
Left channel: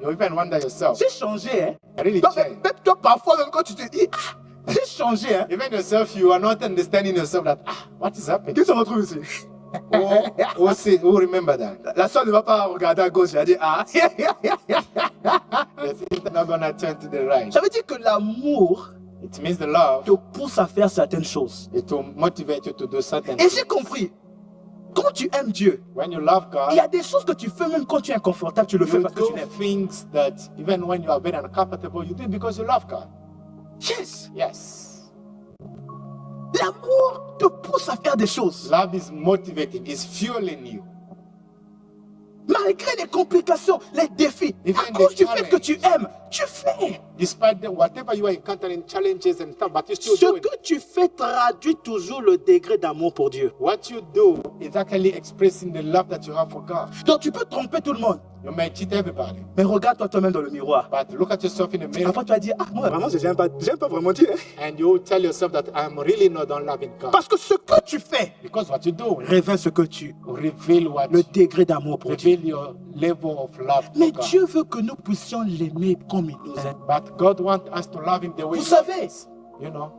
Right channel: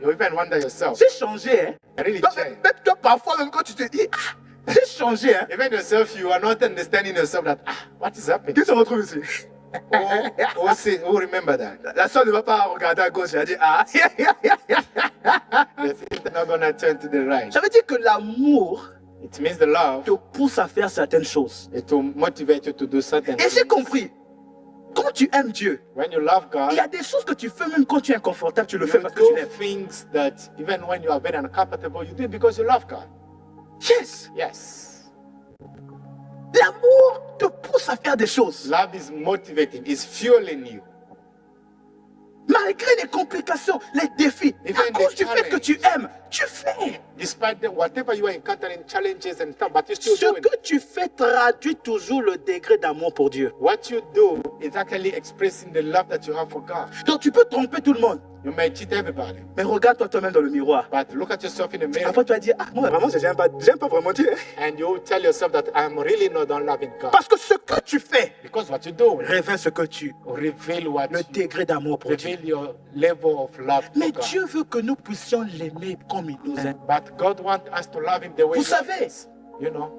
You even wonder yourself. j'ai changé, hein. I really Donc, changed. même toi, parfois, même quand tu te dis, ah, j'ai changé, hein. Even yourself, you are not understanding yourself that, what is happening? Qui se retrouve ici? Who remember that? La soeur ne va pas regarder à gauche, elle a dit, ah. The sister not gonna turn to the right. Ça veut dire que l'amour It means the love te pousse à faire certaines choses. is to motivate you to do certain Et j'ai things. compris. Quand tu aimes Dieu, When you love God, il y a des choses que tu fais même quand tu es inconfortable, tu le fais you parce que tu do l'aimes. things that even when you are very uncomfortable, you do it because you love God. Yes. Yes. L'amour te pousse à faire des choses. Love is motivating, is fueling you. Malgré les complications, les défis, Even à cause the du fait que tu aimes, tu fais. Despite whatever you are encountering, challenges and stuff, but you still Ce do it. que tu fais traduit toujours le degré d'amour pour Dieu. What you do is actually expressing the love that you have for God. Donc tu peux tromper tout le monde. You may cheat everybody, Mais regarde-toi toi-même dans le miroir. but look at yourself in the mirror Après tu vas dire, ah moi vraiment j'aime pas vraiment Dieu. Hein. and you tell yourself that I'm really not loving God. Parce que ce que tu fais Because what you do révèle ce que tu, reveal le degré d'amour pour Dieu. reveal your level of love Mais for God. Dieu veut que nous puissions l'aimer comme il nous aime. But God wants us to love Him the way Vous He loves savez, us. You know,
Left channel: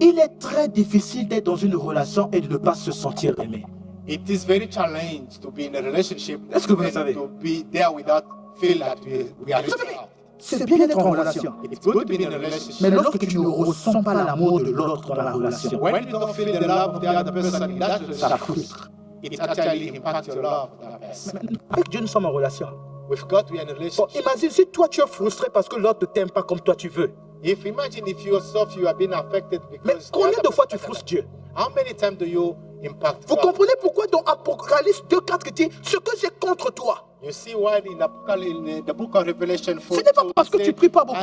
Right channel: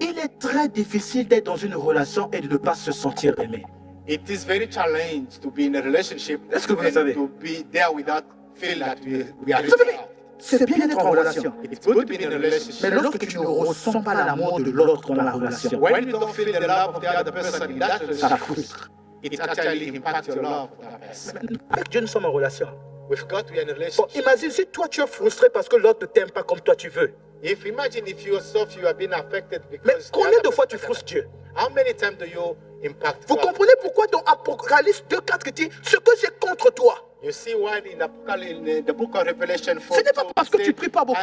il est très difficile d'être dans une relation et de ne pas se sentir aimé. it is very challenging to be in a relationship Est-ce que vous le and savez? to be there without feeling that we are Vous savez, loved. c'est bien d'être en relation. It's good to be in a relationship. Mais lorsque tu ne ressens pas l'amour de l'autre dans la relation, When you don't feel the love of the other person in that ça relationship, frustre. it actually impacts your love for that person. Avec Dieu, nous sommes en relation. With God, we are in a Bon, relationship. imagine si toi tu es frustré parce que l'autre ne t'aime pas comme toi tu veux. If imagine if yourself you have been affected Mais because combien de fois tu frustres Dieu? how many times do you impact Vous God? comprenez pourquoi dans Apocalypse 2:4 qui dit ce que j'ai contre toi? You see why in the book of Revelation 4, Ce n'est pas parce que tu pries pas beaucoup.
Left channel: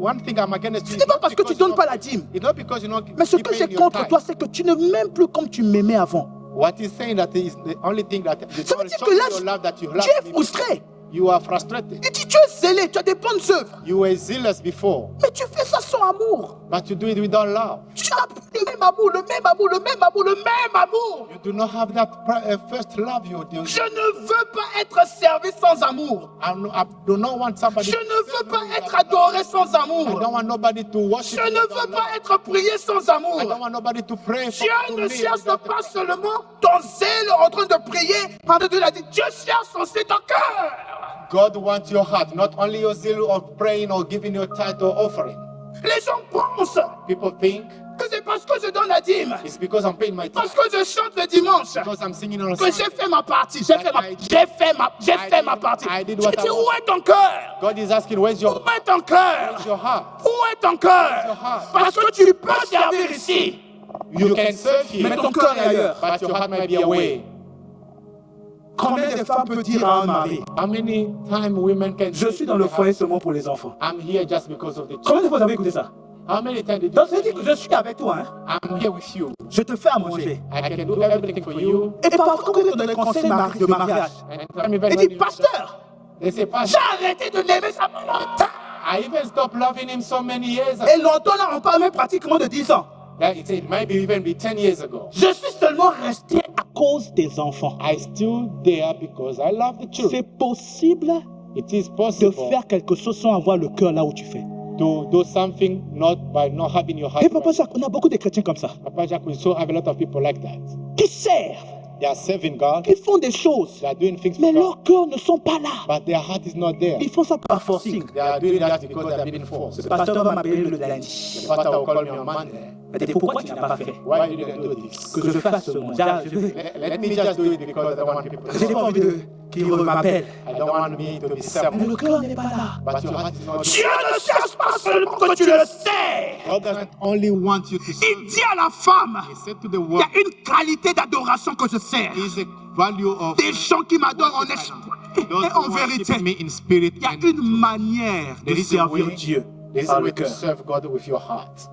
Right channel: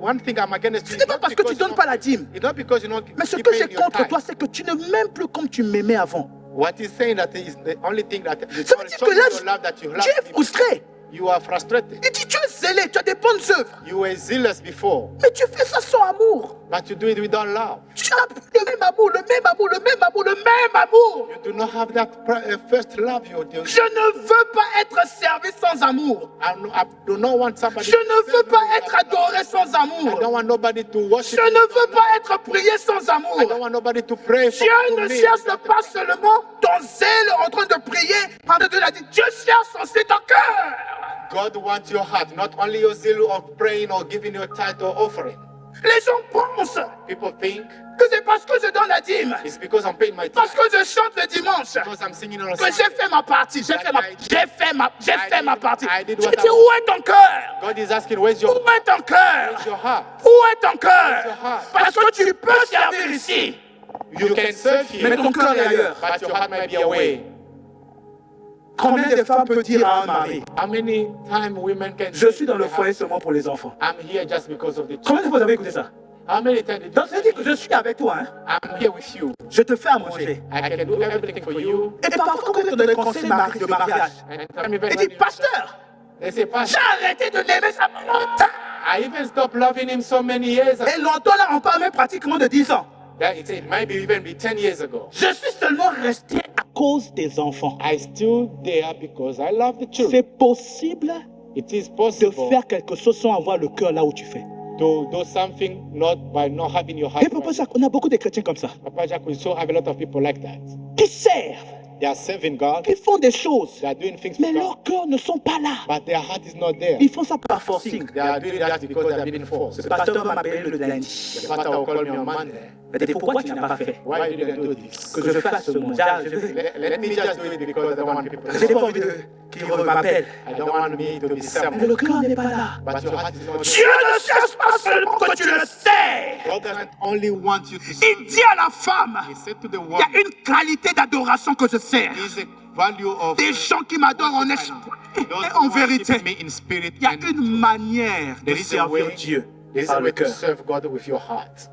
one thing I'm against you. Ce n'est pas parce que tu donnes pas la dîme. It's not because you don't Mais ce keep que paying j'ai your contre tithe. toi, c'est que tu ne m'aimes plus comme tu m'aimais avant. What he's saying that is the only thing that you Ça veut don't dire show que me là, your love that you tu love es me. frustré. You are frustrated. Il dit tu es zélé, tu as des bonnes œuvres. You were zealous before, Mais tu fais ça sans amour. but you do it without love. Tu n'as plus le même amour, le même amour, le même amour, le même amour. You do not have that first love you do. Je ne veux pas être servi sans amour. I do not want somebody. Je ne veux pas être adoré sans I amour. don't want nobody to worship. Je me ne without veux love. pas être prié sans I amour. don't want nobody to pray for Dieu ne me cherche without- pas seulement ton zèle en train de prier. Parce que Dieu l'a dit, Dieu cherche aussi ton cœur. God wants your heart, not only your zeal of praying or giving your tithe or offering. Les gens pensent People think que que c'est parce que je donne la dîme, It's because I'm paying my parce tithe. que je chante le dimanche, Because I'm singing on a que j'ai Sunday. fait ma partie. J'ai fait ma partie. I did Je what dis, I où est ton cœur? God is asking, where's your Où est ton cœur? heart? Où est ton cœur? your heart? Parce que tu peux servir ici, You can serve mais here, ton cœur est ailleurs. but your heart might be away. Combien de femmes peuvent dire à un mari, How many times women can je say suis dans to le their foyer husband, seulement pour les enfants? I'm here just because of the Combien de children? fois vous avez écouté ça? How many times did Donc you ça veut dire que je suis avec toi, hein? I'm here with you. Je te fais à manger. I can do everything for you. Et parfois, quand on te donne des conseils de mariage, And time even il when dit, you pasteur, they say, j'ai Pastor, arrêté de l'aimer ça fait longtemps. I even stopped loving him so many years ago. Et longtemps là, on parle même pratiquement de 10 ans. That it might even be 10 years ago. Je suis seulement resté à cause des enfants. I still there because I love the children. C'est possible It is de possible faire quelque chose sans avoir le cœur là où tu fais. to do something not by not having your heart. Et Papa Jacques, on a beaucoup de chrétiens comme ça, Papa Jack, we still have a lot of people like that. qui servent, They are serving God. qui font des choses, They are doing things mais for God, leurs cœurs ne sont pas là. but their heart is not there. Ils font ça par forcing. They are doing that because they have been forced. Le pasteur va m'appeler le lundi. The pastor will call me on Monday. Il dit, pourquoi tu n'as pas fait Why you didn't do this? que je fasse ce monde? Let me just do it because I don't want people to Je n'ai know. pas envie qu'il m'appelle. I don't want me to be Mais summoned. le cœur n'est pas là. But your heart is not Dieu there. ne cherche pas seulement que tu le sais. God doesn't only want you to serve. Il dit à la femme, He said to the il y woman, a une qualité d'adoration que je sers. is a value of Des gens qui m'adorent en esprit et en vérité. me in spirit. Il y a and une manière de There is a servir way- Dieu There's par a le way to cœur. serve God with your heart.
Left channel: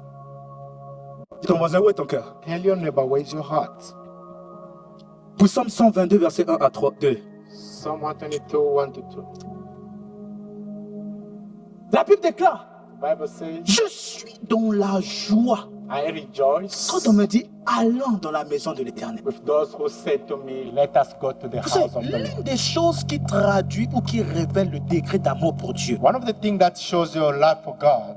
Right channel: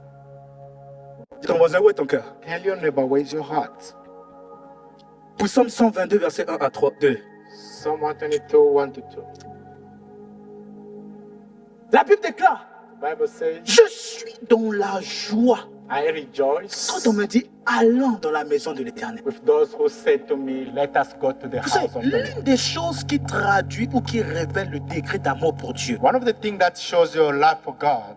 Dis ton voisin, où est ton cœur? Tell your neighbor, where's your heart? Psaume 122, verset 1 à 3, 2. Psalm 122, 1 to 2. La Bible déclare, The Bible says, je suis dans la joie. I rejoice Quand on me dit, allons dans la maison de l'Éternel. with those who said to me, let us go to the Vous house savez, of the Lord. l'une des choses qui traduit ou qui révèle le degré d'amour pour Dieu, One of the things that shows your love for God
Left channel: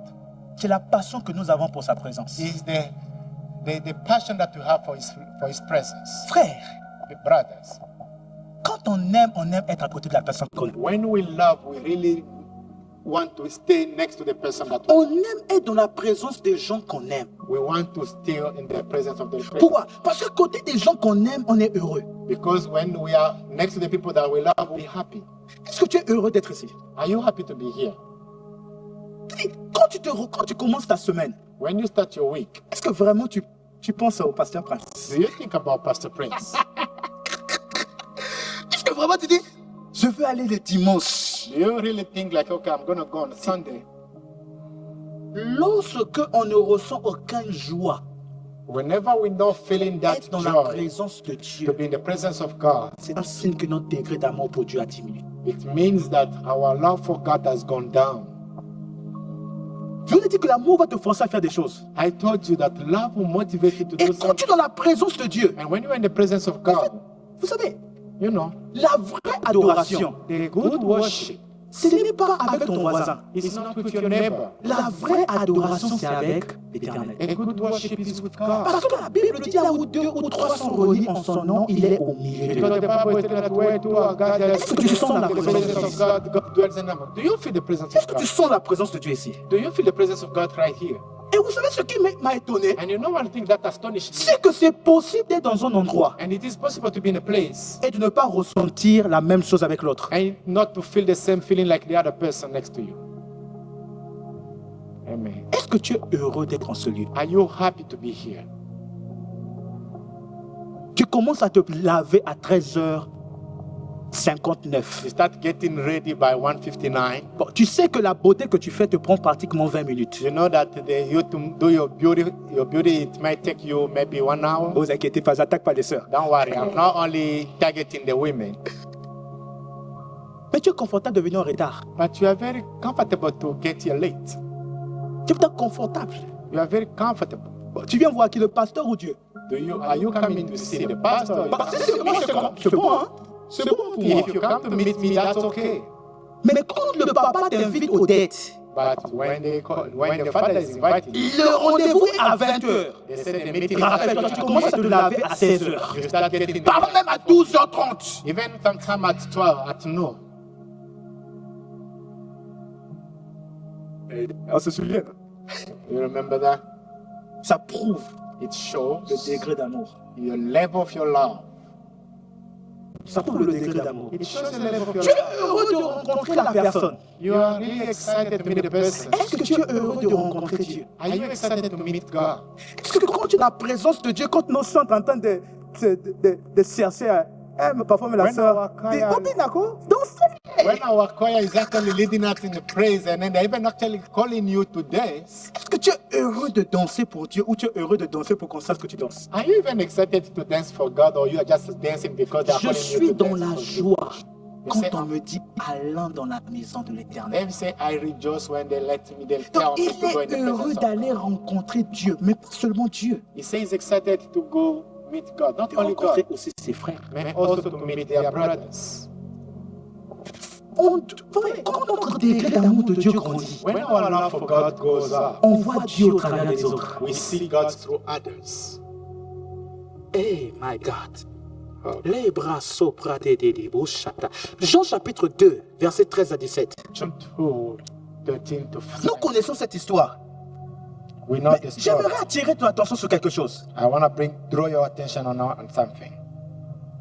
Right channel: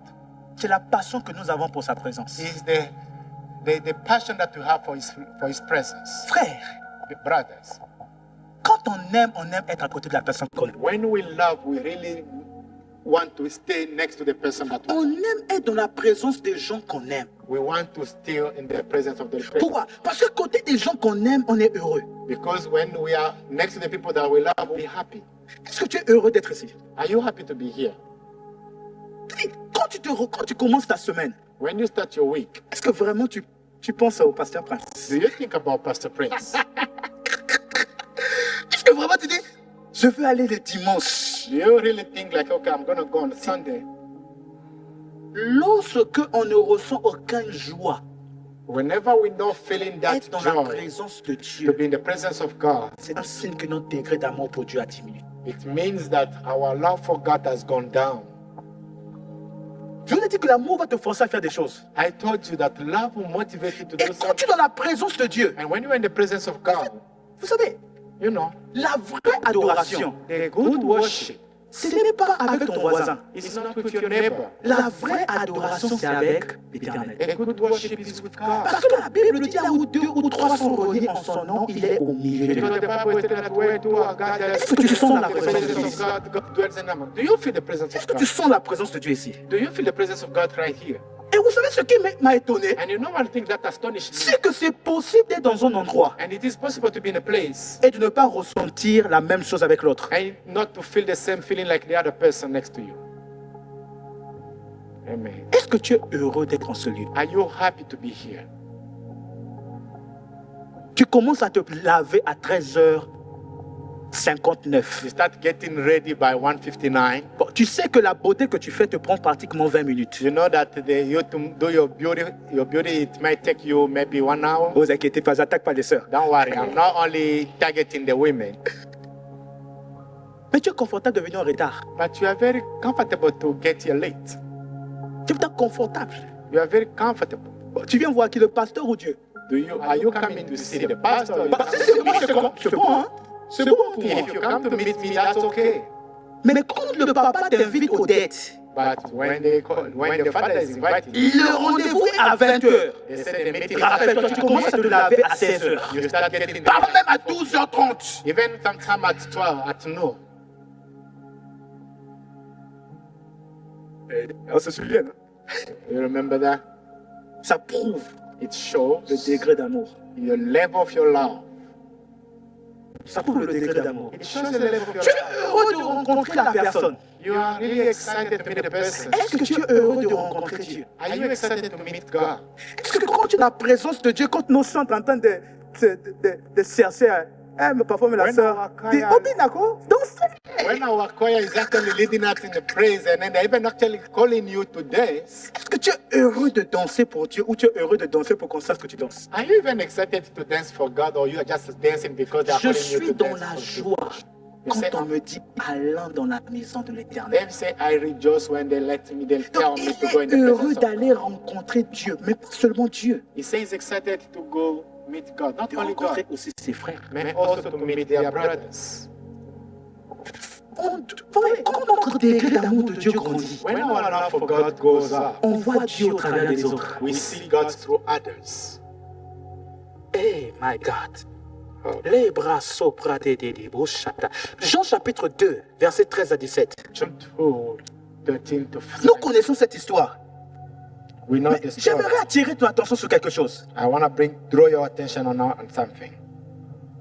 c'est la passion que nous avons pour sa présence. is the passion that you have for his presence. Frère, Brothers, quand on aime être à côté de la personne qu'on aime. when we love, we really want to stay next to the person that we On love. aime être dans la présence des gens qu'on aime. We want to stay in the presence of the person. Pourquoi? Parce que côté des gens qu'on aime, on est heureux. Because when we are next to the people that we love, we'll be happy. Est-ce que tu es heureux d'être ici? Are you happy to be here? Quand tu commences ta semaine, When you start your week, est-ce que vraiment tu penses au pasteur Prince? do you think about Pastor Prince? Est-ce que vraiment tu dis, je veux aller le dimanche? Do you really think like, okay, I'm going to go on Sunday? Lorsque on ne ressent aucune joie, Whenever we're not feeling that être dans la joy présence de to Dieu, be in the presence of God, c'est un signe que notre degré d'amour pour Dieu a diminué. it means that our love for God has gone down. Je vous ai dit que l'amour va te forcer à faire des choses. I told you that love will motivate you to Et do quand tu es something. dans la présence de Dieu, And when you're in the presence of God, vous savez, you know, la vraie adoration, the good worship ce n'est pas avec ton voisin. is not with your neighbor. La vraie adoration, c'est avec l'Éternel. A good worship is with God. Parce que la Bible dit là où 2 ou 3 sont réunis en son nom, il est au milieu de Because nous. the Bible is telling that where two are gathered, Est-ce que tu sens la the présence de presence Dieu? of God, God dwells in them. Do you feel the presence Est-ce of que God? tu sens la présence de Dieu ici? Do you feel the presence of God right here? Et vous savez ce qui m'a étonné? And you know one thing that astonished me? C'est que c'est possible d'être dans un endroit And it is possible to be in a place et de ne pas ressentir la même chose avec l'autre. and not to feel the same feeling like the other person next to you. Amen. Est-ce que tu es heureux d'être en ce lieu? Are you happy to be here? Tu commences à te laver à 13h59. You start getting ready by 1:59. Bon, tu sais que la beauté que tu fais te prend pratiquement 20 minutes. You know that you to do your beauty, it might take you maybe 1 hour. Ne vous inquiétez pas, j'attaque pas les sœurs. Don't worry, I'm not only targeting the women, Mais tu es confortable de venir en retard. but you are very comfortable to get here late. Tu es peut-être confortable. You are very comfortable. Bon, tu viens voir qui, le pasteur ou Dieu? Are you coming to see the pastor? Bah, si c'est moi, c'est bon, hein? C'est bon pour moi. If you come to meet me, that's okay. Mais quand le papa t'invite aux dettes, But when the father is inviting, le rendez-vous est à 20h. they say the meeting. Rappelle-toi, tu commences à te laver à 16h. You start getting Pas même à 12h30. even sometime at 12 at noon. On se souvient. You remember that? Ça prouve It shows le degré d'amour. your level of your love. Ça prouve le degré d'amour. It shows the level of your Tu love. es heureux de rencontrer la personne. You are really excited to meet the person. Est-ce que tu es heureux de rencontrer Dieu? Are you excited to meet God? Est-ce que quand tu es dans la présence de Dieu, quand nous sommes en train de chercher, mais parfois mais la When sœur, our choir- dit, oh bien d'accord, dansez. When our choir is actually leading us in the praise and then they're even actually calling you to dance, Est-ce que tu es heureux de danser pour Dieu ou tu es heureux de danser pour qu'on sache que tu danses? are you even excited to dance for God or you are just dancing because they're Je calling you suis to dans dance la for you? joie quand sais- on me dit allons dans la maison de l'Éternel. Them say I rejoice when they let me, they tell Donc me il to go in est the heureux presence of d'aller God. rencontrer Dieu, mais pas seulement Dieu. He says he's excited to go meet God, not De only God, rencontrer aussi ses frères. but also to meet their brothers. Quand notre degré d'amour de Dieu grandit, When our love for God goes up, on voit Dieu au travers des autres. we see God through others. Eh, my God. Les bras soprate de boshata. Jean chapitre 2, versets 13 à 17. John 2, 13 to Nous 15. connaissons cette histoire. We know Mais the story. j'aimerais attirer ton attention sur quelque chose. I want to draw your attention on something.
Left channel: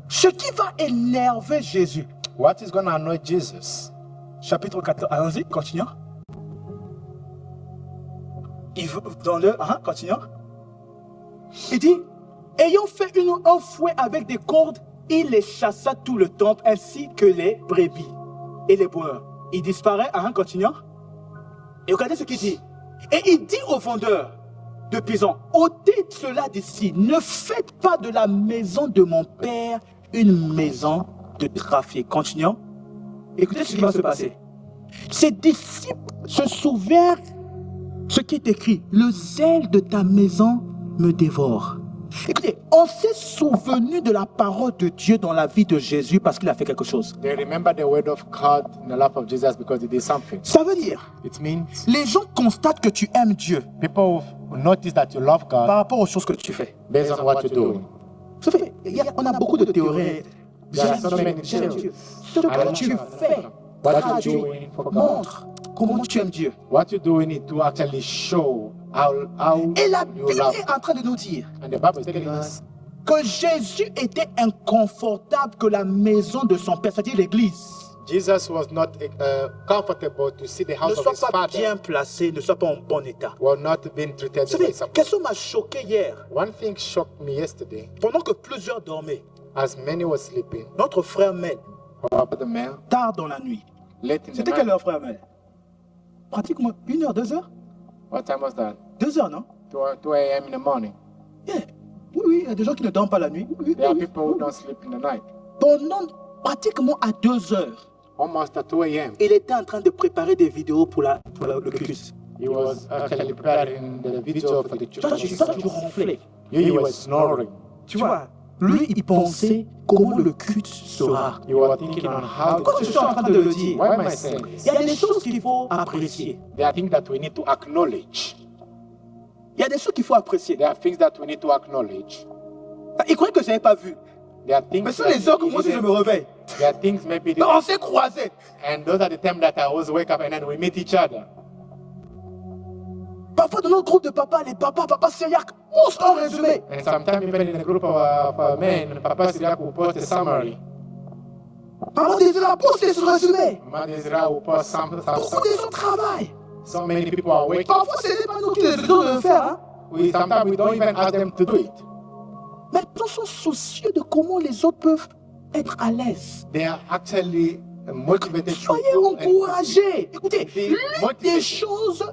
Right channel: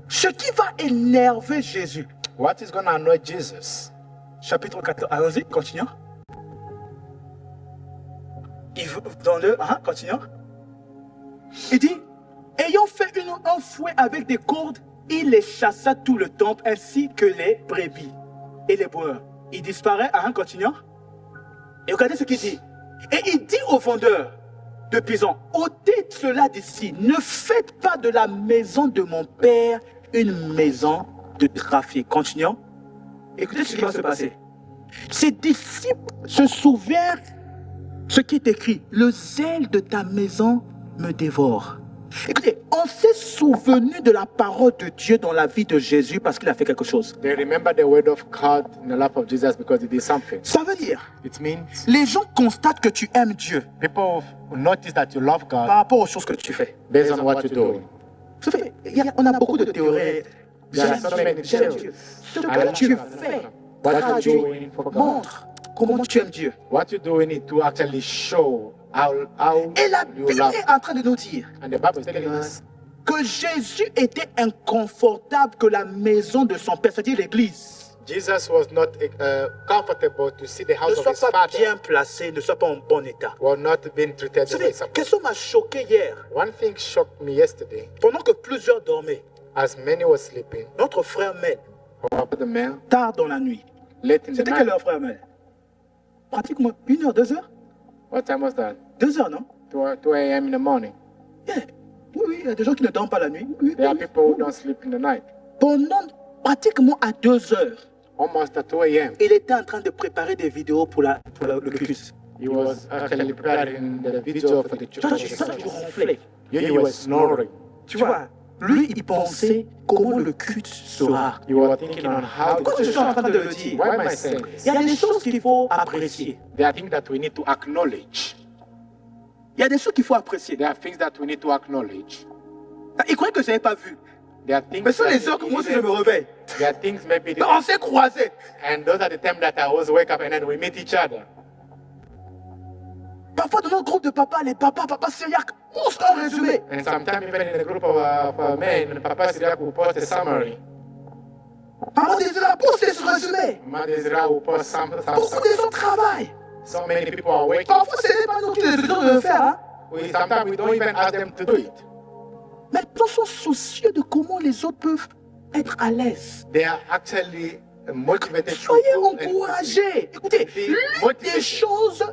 Ce qui va énerver Jésus. What is going to annoy Jesus? Chapitre 14. Allons-y, continuons. Dans le. Continuons. Il dit, ayant fait un fouet avec des cordes, il les chassa tout le temple ainsi que les brebis et les boueurs. Il disparaît. Continuons. Et regardez ce qu'il dit. Et il dit aux vendeurs de pigeons, ôtez cela d'ici, ne faites pas de la maison de mon père une maison de trafic. Continuons. Écoutez ce qui va se passer. Ses disciples se souvinrent ce qui est écrit. Le zèle de ta maison me dévore. Écoutez, on s'est souvenu de la parole de Dieu dans la vie de Jésus parce qu'il a fait quelque chose. They remember the word of God in the life of Jesus because he did something. Ça veut dire, It means les gens constatent que tu aimes Dieu people will notice that you love God par rapport aux choses que tu fais. based on what you're doing. Vous savez, on a beaucoup de théories. There are so many J'aime theories. Dieu. Ce que tu fais What traduit, you're doing for God. montre comment tu aimes Dieu. What you're doing is to actually show how Et la you Bible love. est en train de nous dire And the Bible is telling us que Jésus était inconfortable que la maison de son père, c'est-à-dire l'église, Jesus was not comfortable to see the ne house of soit his pas father bien placée, ne soit pas en bon état. were not being treated Vous the way savez, it's supposed. quelque chose m'a choqué hier. One thing shocked me yesterday. Pendant que plusieurs dormaient, As many were sleeping, notre frère Mel, our brother man, tard dans la nuit. late in the C'était quelle night. heure, frère Mel? Pratiquement 1 heure, 2 heures? What time was that? 2 heures, non? 2 a.m. in the morning. Yeah. Oui, il y a des gens qui ne dorment pas la nuit. Oui, There are oui, people who oui. don't sleep in the night. Pendant pratiquement à 2 heures, Almost at 2 a.m. il était en train de préparer des vidéos pour le culte. He was actually preparing the video for the Toi, tu church. ronflais. You were snoring. Tu vois, lui, il pensait comment le culte sera. You were thinking on how Pourquoi je suis en train de le dire? Why am I saying this? Il y a des choses qu'il faut apprécier. There are things that we need to acknowledge. Il y a des choses qu'il faut apprécier. There are things that we need to acknowledge. Il croyait que je n'avais pas vu. There are things Mais sur that les heures que moi aussi je me réveille. There are things maybe On s'est croisés. and those are the times that I always wake up and then we meet each other. Parfois dans notre groupe de papa, les papas syriaques, monstre en résumé. And sometimes even in a group of men, Papa Syriac will post a summary. Maman Désiré poste ce résumé. Mama Desira will post some Beaucoup de gens travaillent. so many people are waking. Parfois ce n'est pas nous qui les faisons de le faire. Hein? Sometimes we don't even ask them to do it. Mais ils sont soucieux de comment les autres peuvent être à l'aise. They are actually motivated to Soyez do and encouragés. Écoutez, Be l'une des motivated. choses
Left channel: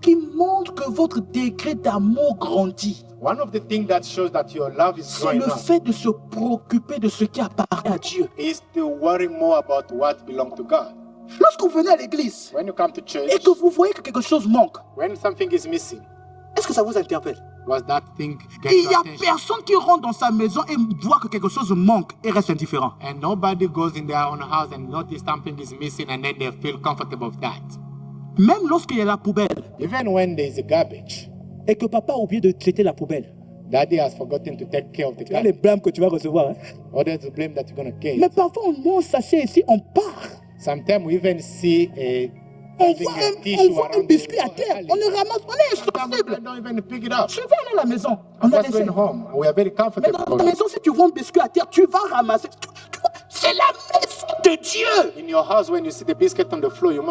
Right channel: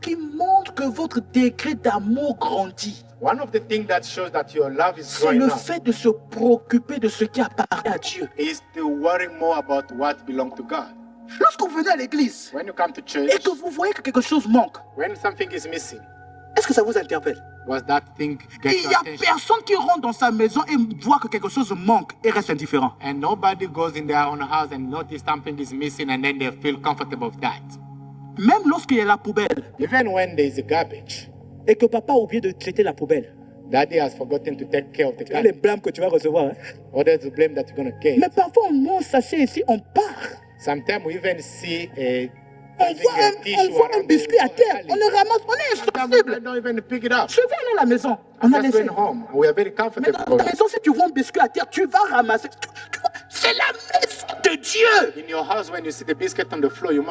qui montrent que votre degré d'amour grandit, One of the things that shows that your love is c'est growing le up fait de se préoccuper de ce qui appartient à Dieu. is to worry more about what belongs to God. Lorsque vous venez à l'église When you come to church, et que vous voyez que quelque chose manque, when something is missing, est-ce que ça vous interpelle? was that thing get Il your n'y a attention? personne qui rentre dans sa maison et voit que quelque chose manque et reste indifférent. And nobody goes in their own house and notice something is missing and then they feel comfortable with that. Même lorsqu'il y a la poubelle Even when there is a garbage, et que papa a oublié de traiter la poubelle, daddy has forgotten to take care of the il y a les garbage. blâmes que tu vas recevoir. Hein? Or there's the blame that you're going to get. Mais parfois on mange, s'assied ici, on part. Sometimes we even see On voit un biscuit à terre, on le ramasse, on est insensible. Don't even pick it up. Je vais aller à la maison, on a Just laissé. going home. We are very Mais comfortable. dans la maison, si tu vois un biscuit à terre, tu vas ramasser. C'est la maison de Dieu. In your house, when you see the biscuit on the floor, you're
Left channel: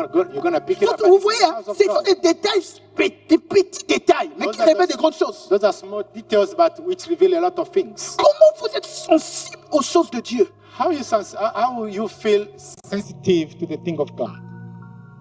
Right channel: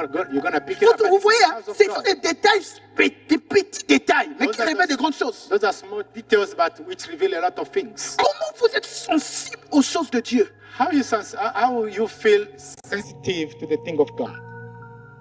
gonna pick it up. Vous voyez, hein, It's the house of ce sont God. des détails, des petits détails, mais qui Those are révèlent those- des grandes choses. Those are small details, but which reveal a lot of things. Comment vous êtes sensible aux choses de Dieu? How you feel sensitive to the thing of God?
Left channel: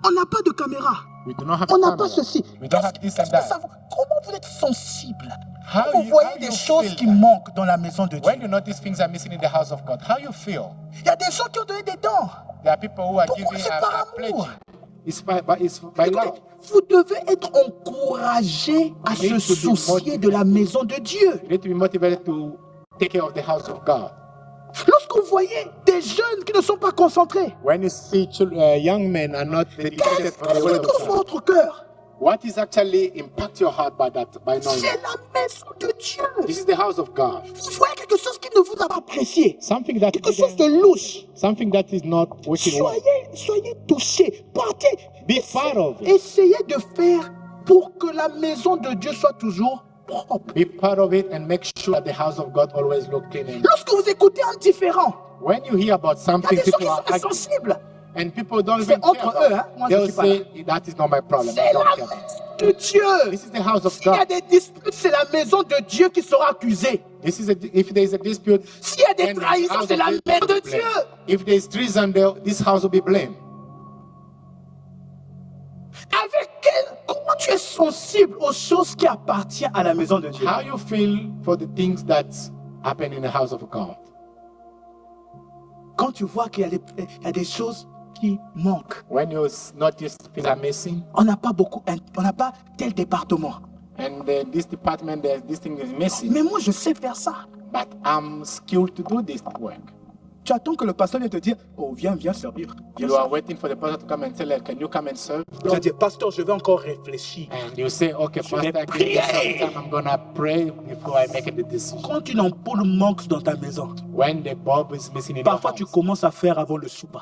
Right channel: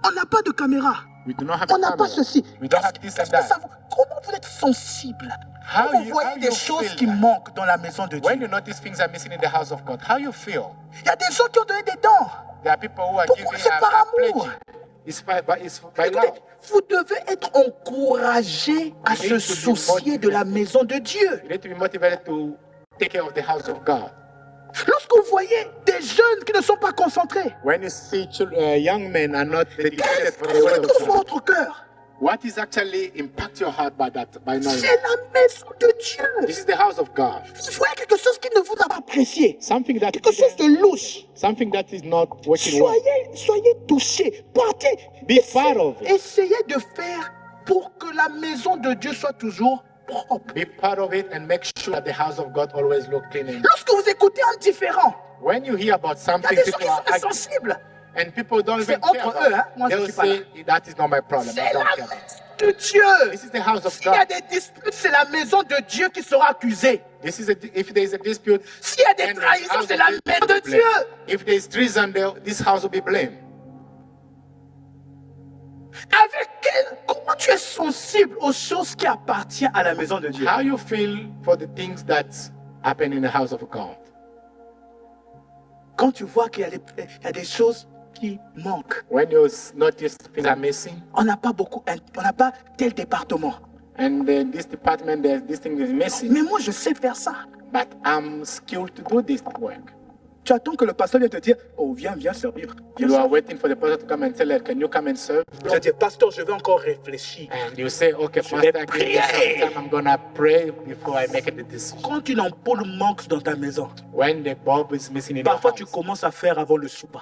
On n'a pas de caméra. We do not have On a n'a camera. pas ceci. We don't have this and Qu'est-ce que ça that. vous- Comment vous êtes sensible? How Quand vous voyez how des you choses feel qui that? manquent dans la maison de Dieu. When you notice things are missing in the house of God, how you feel? Il y a des gens qui ont donné des dents. There are people who are Pourquoi giving c'est par a amour? pledge. It's by Écoutez, love. vous devez être encouragé à You need se to be soucier de la maison de Dieu. You need to be motivated to take care of the house of God. Lorsque vous voyez des jeunes qui ne sont pas concentrés, When you see young men are not dedicated qu'est-ce for qui the word of touche God, votre cœur? what is actually impact your heart by knowing? C'est la maison de Dieu. This is the house of God. Vous voyez quelque chose qui ne vous a pas apprécié, Something that quelque chose de louche. something that is not working well. Soyez touchés, partez. Be part of it. Essayez de faire pour que la maison de Dieu soit toujours propre. Be part of it and make sure that the house of God always look clean. And Lorsque vous écoutez un différent, when you hear about il y a something, des gens qui people are sont arguing, insensibles. and people don't C'est even care entre about eux, hein. it. Moi, je They'll suis pas say that is not my problem. I C'est don't la care. maison de Dieu. This is the house of S'il y a God. des disputes, c'est la maison de Dieu qui sera accusée. If there is a dispute, S'il y a des then the trahisons, house c'est of la God maison will de be Dieu. blamed. If there is treason, this house will be blamed. Comment tu es sensible aux choses qui appartiennent à la maison de Dieu? How you feel for the things that happen in the house of God? Quand tu vois qu'il y a des choses qui manquent, When you notice things are missing, on n'a pas tel département. and this department, this thing is missing, Mais moi, je sais faire ça. but I'm skilled to do this work. Tu attends que le pasteur vienne te dire, oh, viens servir. Viens You are servir. waiting for the pastor to come and tell her, can you come and serve? Tu vas dire, pasteur, je vais encore réfléchir. And you say, okay, Je vais pastor, give me some prier. time. I'm gonna pray before I make a decision. Quand une ampoule manque dans ta maison, When the bulb is missing in parfois your tu house, commences à faire avant le souper.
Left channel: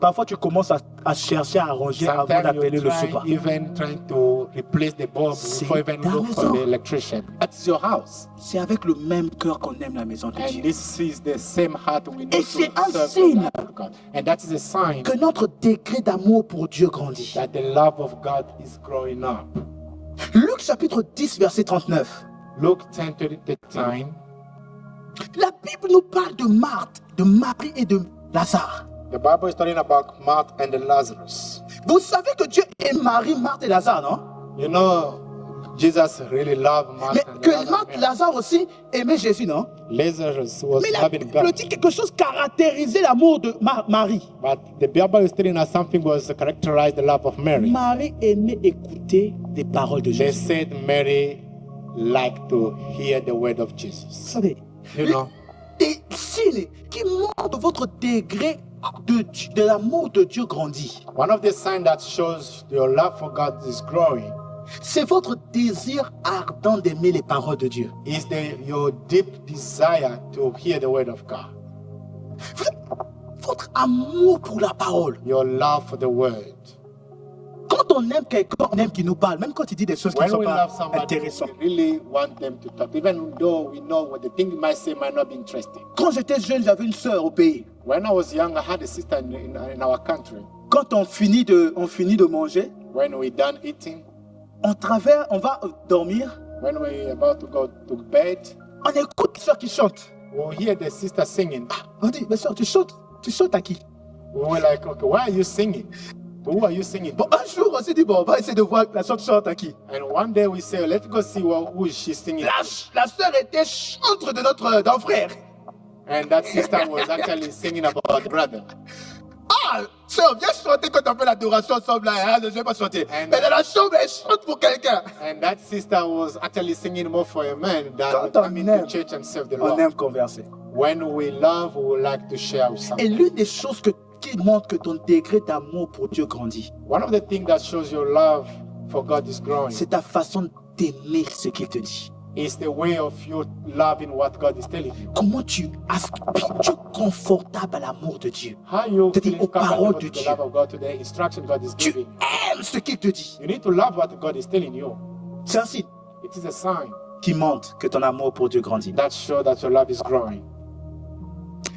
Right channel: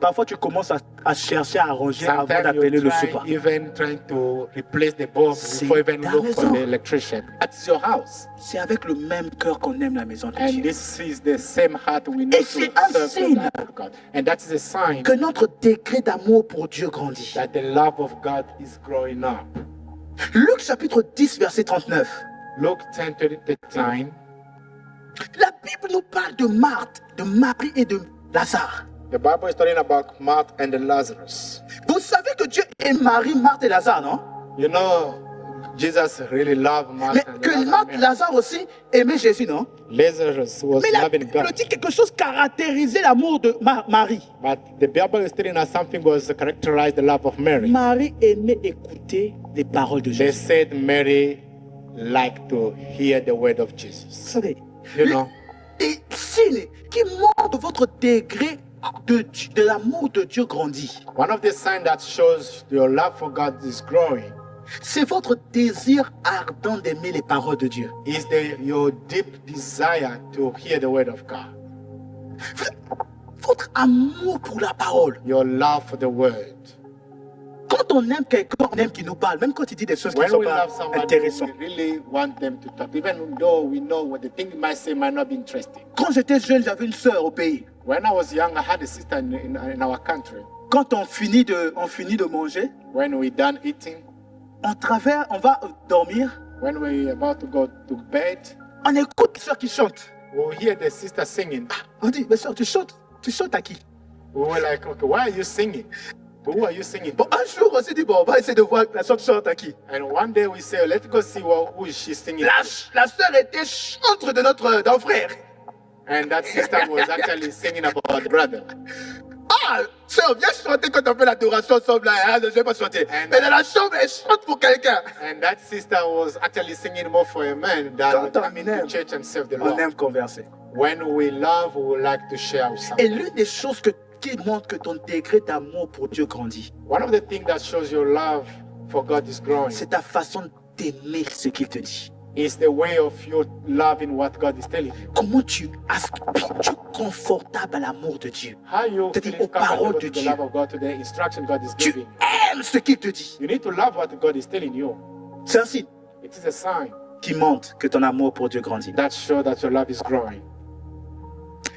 Parfois tu commences à chercher à arranger avant sometimes d'appeler you le try souper. even trying to replace the bulb C'est before even ta look for maison. the electrician. That's your house. C'est avec le même cœur qu'on aime la maison de And Dieu. this is the same heart we need Et to c'est un serve signe the Lord God. And that is a sign Que notre degré d'amour pour Dieu grandit. that the love of God is growing up. Luc chapitre 10, verset 39. Luke 10:39. La Bible nous parle de Marthe, de Marie et de Lazare. The Bible is talking about Martha and Lazarus. Vous savez que Dieu aime Marie, Marthe et Lazare, non? You know, Jesus really loved Mais Martha and que Lazarus. Marthe et Lazare aussi aimaient Jésus, non? Lazarus was Mais la loving Bible God. dit quelque chose caractérisait l'amour de Marie. But the Bible is telling us something was characterized the love of Mary. Marie aimait écouter les paroles de They Jésus. said Mary liked to hear the word of Vous Jesus. savez, You know, des signes qui montrent votre degré de l'amour de Dieu grandit. one of the signs that shows your love for God is growing C'est votre désir ardent d'aimer les paroles de Dieu. is your deep desire to hear the word of God. Votre amour pour la parole. Your love for the word. Quand on aime quelqu'un, on aime qu'il nous parle, même quand il dit des choses qui ne When sont we pas love somebody, intéressantes. we really want them to talk, even though we know what the thing they might say might not be interesting. Quand j'étais jeune, j'avais une sœur au pays. When I was young, I had a sister in our country. Quand on finit de manger, When we done eating, on va dormir, when we about to go to bed, on écoute la sœur qui chante. we'll hear the sister singing. On dit, mais sœur, tu chantes à qui? We were like, okay, why are you singing? Who are you singing? Bon, un jour, on s'est dit, bon, on va essayer de voir la sœur chante à qui. And one day we say, let's go see who is she singing. La sœur était chantre de d'un frère. And that sister was actually singing about the brother. Ah, sœur, viens chanter quand on fait l'adoration ensemble là. Hein, je vais pas chanter. And- Mais dans la chambre, elle chante pour quelqu'un. And that sister was actually singing more for a man than Quand on coming aime, to church and serve the On Lord. aime converser. When we love, we would like to share with Et someone. l'une des choses qui montre que ton degré d'amour pour Dieu grandit, One of the things that shows your love for God is growing c'est ta façon d'aimer ce qu'il te dit. It's the way of you loving what God is telling you. Comment tu es confortable à l'amour de Dieu. How you C'est-à-dire feeling aux paroles comfortable de to the Dieu. love of God, to the instruction God is Tu giving. aimes ce qu'il te dit. You need to love what God is telling you. C'est un signe It is a sign qui montre que ton amour pour Dieu grandit. that shows that your love is growing.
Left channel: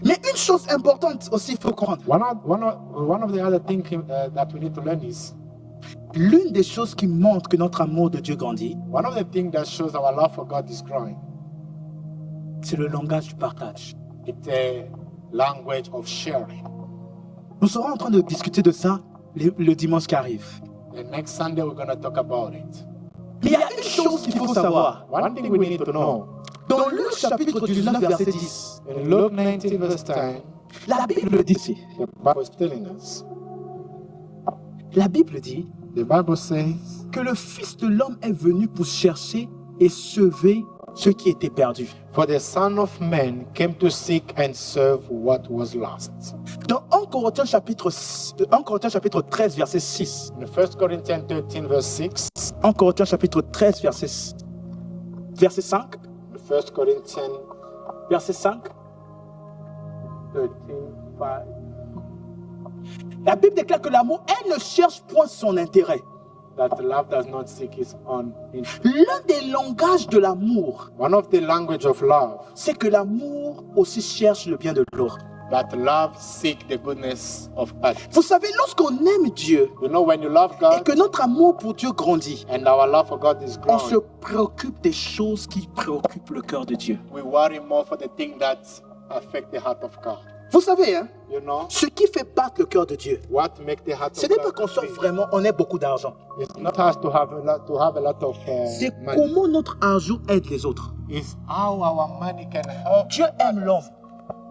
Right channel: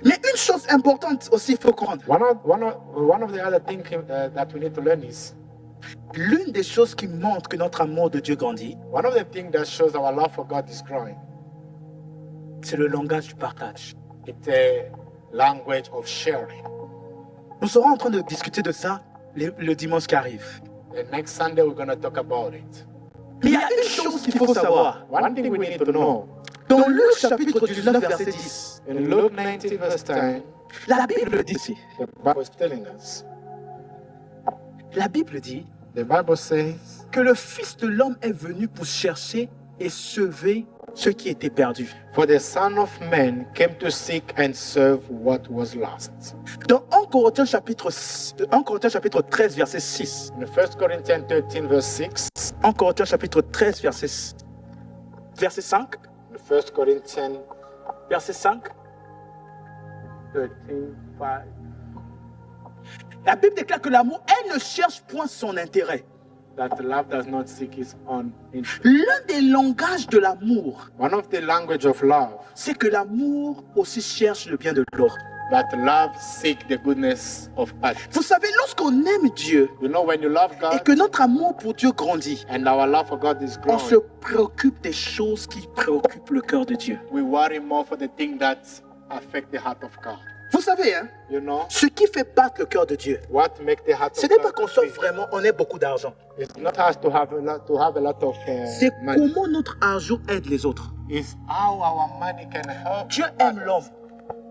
Mais une chose importante aussi, il faut comprendre. One of the other things that we need to learn is, L'une des choses qui montre que notre amour de Dieu grandit, one of the things that shows our love for God is growing. c'est le langage du partage. It's a language of sharing. Nous serons en train de discuter de ça le dimanche qui arrive. The next Sunday we're going to talk about it. Mais il y a une chose qu'il faut savoir. One thing we need to know, Dans Luc chapitre 19, verset 10, in Luke 19 verse 10, la Bible dit, the Bible is telling us, la Bible dit the Bible says que le Fils de l'homme est venu pour chercher et sauver ceux qui étaient perdus. For the Son of Man came to seek and serve what was lost. Dans 1 Corinthiens chapitre 13, verset 6, In 1 Corinthians 13 verse 6, 1 Corinthiens chapitre 13, verset 5, 1 Corinthians verset 5, 13, 5. la Bible déclare que l'amour, elle ne cherche point son intérêt. That love does not seek its own interest. L'un des langages de l'amour, One of the language of love, c'est que l'amour aussi cherche le bien de l'autre. that love seek the goodness of others. Vous savez, lorsqu'on aime Dieu You know, when you love et God que notre amour pour Dieu grandit, and our love for God is on se growing, préoccupe des choses qui préoccupent le cœur de Dieu. we worry more for the things that affect the heart of God. Vous savez, hein, You know, ce qui fait battre le cœur de Dieu, what make the heart ce of n'est pas God qu'on soit beat? vraiment, on ait beaucoup d'argent. It's not us to have a lot of C'est money. comment notre argent aide les autres. It's how our money can help. Dieu aime l'homme.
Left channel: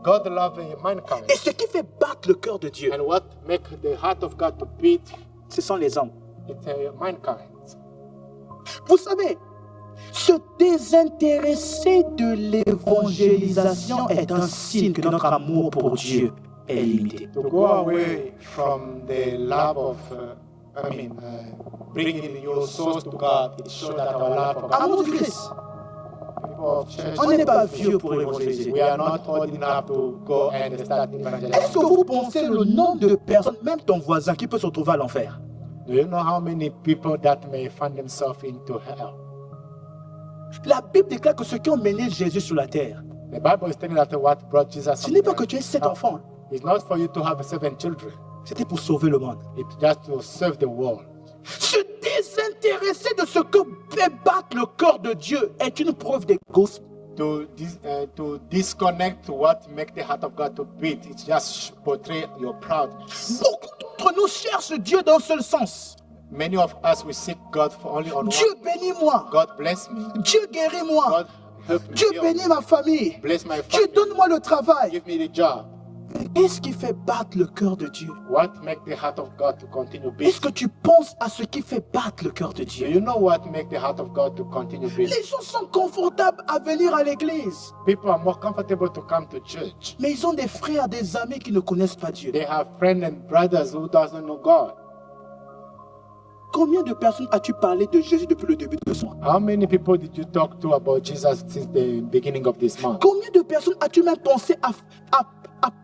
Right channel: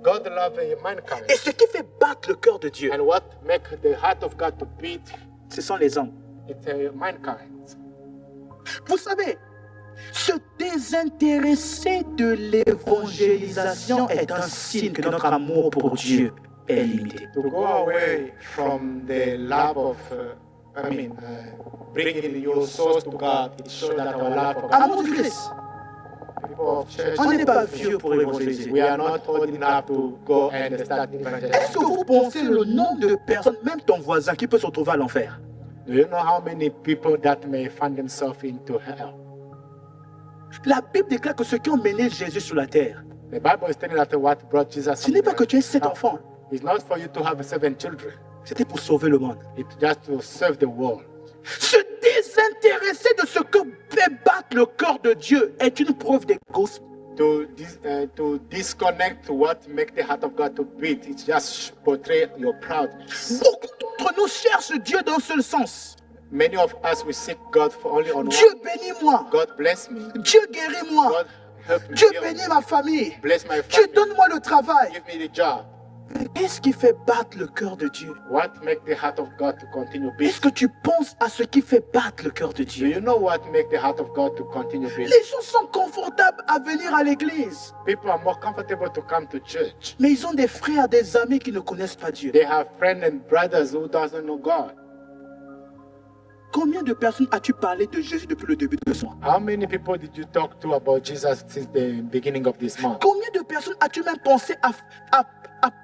God loves mankind. Et ce qui fait battre le cœur de Dieu, And what make the heart of God to beat? ce sont les hommes. It's mankind. Vous savez, se désintéresser de l'évangélisation est un signe que notre amour pour Dieu est limité. To go away from the love of, bringing your souls to God, it shows that our love for God. Amour du Christ. People of church, On n'est pas vieux pour évangéliser. we are not old enough to go and start Est-ce evangelizing. que vous pensez le nombre de personnes, même ton voisin, qui peut se retrouver à l'enfer? Do you know how many people that may find themselves into hell? La Bible déclare que ceux qui ont mené Jésus sur la terre, The Bible is telling us what brought Jesus. ce n'est pas que tu aies 7 enfants, hein. It's not for you to have 7 children. C'était pour sauver le monde. It's just to serve the world. Se désintéresser de ce que fait battre le cœur de Dieu est une preuve d'égoïsme. To disconnect what make the heart of God to beat, it just portray your proudness. Beaucoup d'entre nous cherchent Dieu d'un seul sens. Many of us we seek God for only on Dieu one. bénis-moi. God bless me. Dieu guéris-moi. God help me. Dieu heal bénis me. ma famille. Bless my Dieu family. donne-moi le travail. Give me the job. Qu'est-ce qui fait battre le cœur de Dieu? What make the heart of God to continue Est-ce beating? que tu penses à ce qui fait battre le cœur de Do Dieu? you know what make the heart of God to continue beating? Les gens sont confortables à venir à l'église, People are more comfortable to come to church. mais ils ont des frères, des amis qui ne connaissent pas Dieu. They have friends and brothers who doesn't know God. Combien de personnes as-tu parlé de Jésus depuis le début de ce mois? How many people did you talk to about Jesus since the beginning of this month? Combien de personnes as-tu même pensé à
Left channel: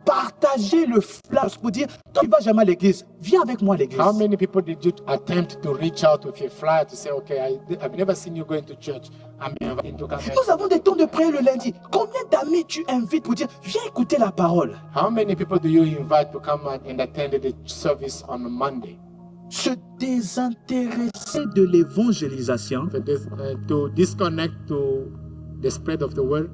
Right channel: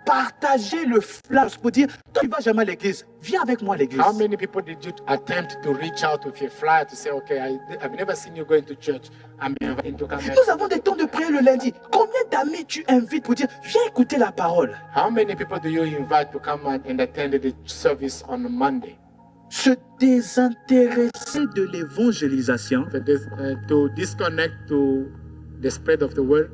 partager le flash pour dire, toi tu vas jamais à l'église, viens avec moi à l'église. How many people did you attempt to reach out with your flyer to say, okay, I've never seen you going to church. I'm inviting to come. Nous avons des temps de prière le lundi. Combien d'amis tu invites pour dire, viens écouter la parole? How many people do you invite to come and attend the service on Monday? Se désintéresser de l'évangélisation, To disconnect to the spread of the word,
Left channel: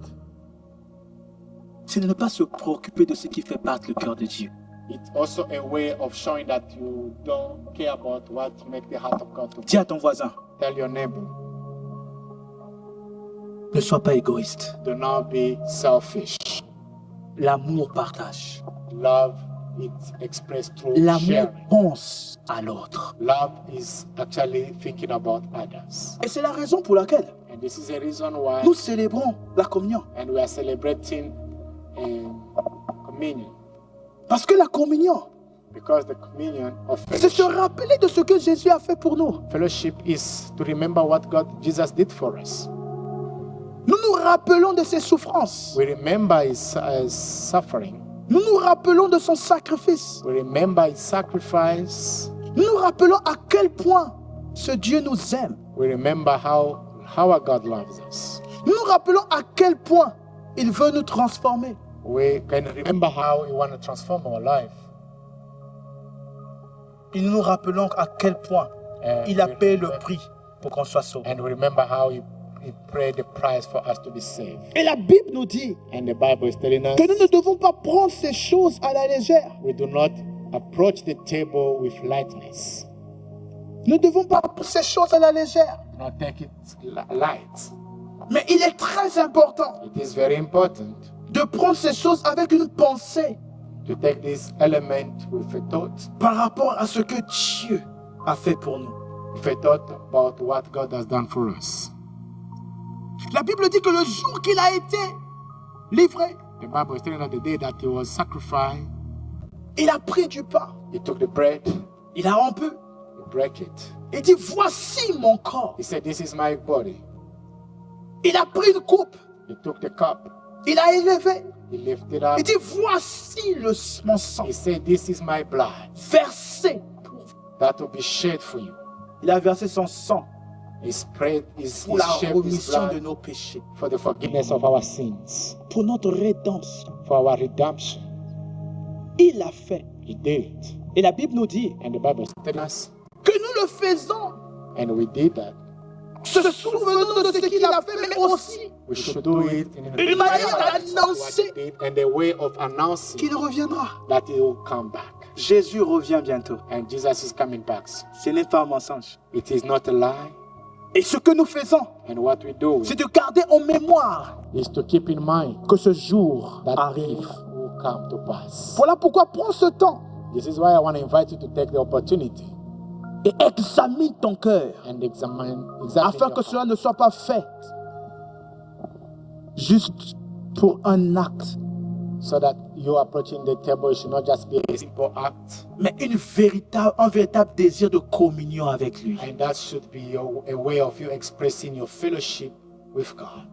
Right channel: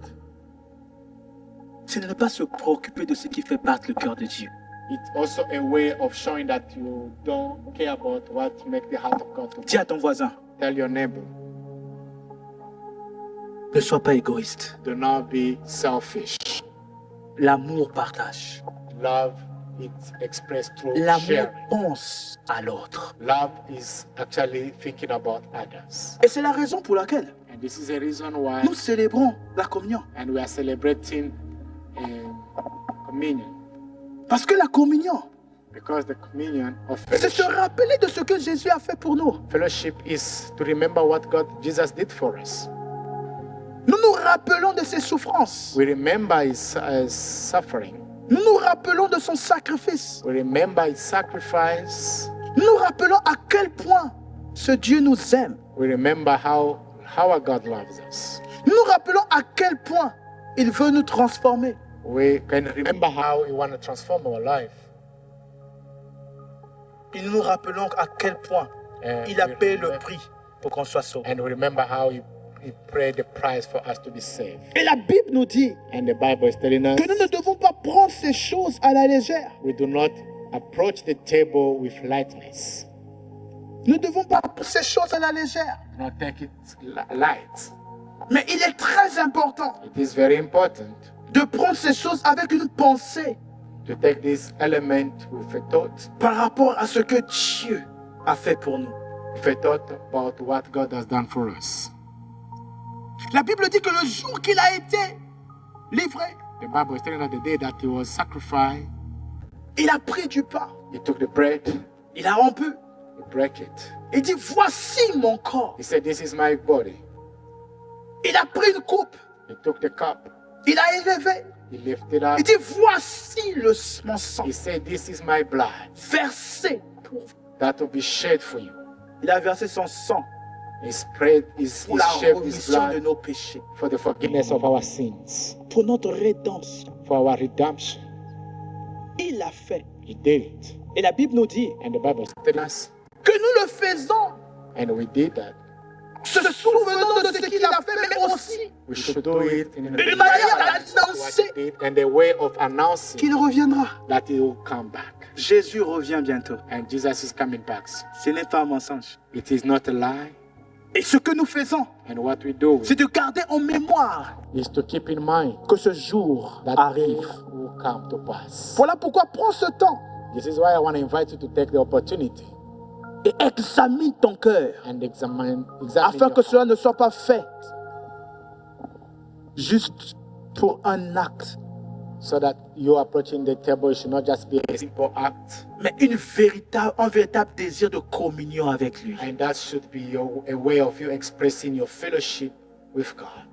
c'est de ne pas se préoccuper de ce qui fait battre le cœur de Dieu. it's also a way of showing that you don't care about what makes the heart of God to Dis à ton voisin, tell your neighbor. ne sois pas égoïste. Do not be selfish. L'amour partage. Love is expressed through L'amour sharing. pense à l'autre. Love is actually thinking about others. Et c'est la raison pour laquelle And this is the reason why nous célébrons la communion. and we are celebrating communion. Parce que la communion, Because the communion of c'est se fellowship, rappeler de ce que Jésus a fait pour nous. fellowship is to remember what Jesus did for us. rappelons de ses souffrances. We remember his suffering. Nous nous rappelons de son sacrifice. We remember his sacrifice. Nous nous rappelons à quel point ce Dieu nous aime. We remember how our God loves us. Nous nous rappelons à quel point il veut nous transformer. We can remember how he wants to transform our life. Et nous nous rappelons à quel point il a payé le prix pour qu'on soit sauvé. And we remember how he paid the price for us to be saved. Et la Bible nous dit And the Bible is telling us que nous ne devons pas prendre ces choses à la légère. we do not approach the table with lightness. Nous ne devons pas prendre ces choses à la légère. Do not take it light. Mais il est très important It is very important de prendre ces choses avec une pensée to take this element with a thought. par rapport à ce que Dieu a fait pour nous. With a thought about what God has done for us. La Bible dit que le jour qu'il a été livré, The Bible is telling us the day that he was sacrificed, il a pris du pain, he took the bread, il a rompu, he broke it. il dit voici mon corps. He said, this is my body. Il a pris une coupe, He took the cup, il a élevé, he lifted up. il dit voici mon sang He said, this is my blood versé pour vous. that will be shed for you. Il a versé son sang He spread his, pour la shed his rémission de blood nos péchés, for the forgiveness of our sins, pour notre rédemption. for our redemption. Il l'a fait. He did it. Et la Bible nous dit And the Bible is telling us, que nous le faisons, and we did that. se souvenant de ce qu'il a fait, mais aussi We should do it in une manière d'annoncer what he did and the way of announcing qu'il reviendra. that he will come back. Jésus revient bientôt. And Jesus is coming back. Ce n'est pas un mensonge. It is not a lie. Et ce que nous faisons, And what we do c'est de garder en mémoire is to keep in mind que ce jour that day arrive. will come to pass. Voilà pourquoi prends ce temps This is why I want to invite you to take the opportunity et examine ton cœur and examine afin your que cela ne soit pas fait juste pour un acte, so that you approaching the table should not just be a simple act, mais un véritable désir de communion avec lui. and that should be a way of you expressing your fellowship with God.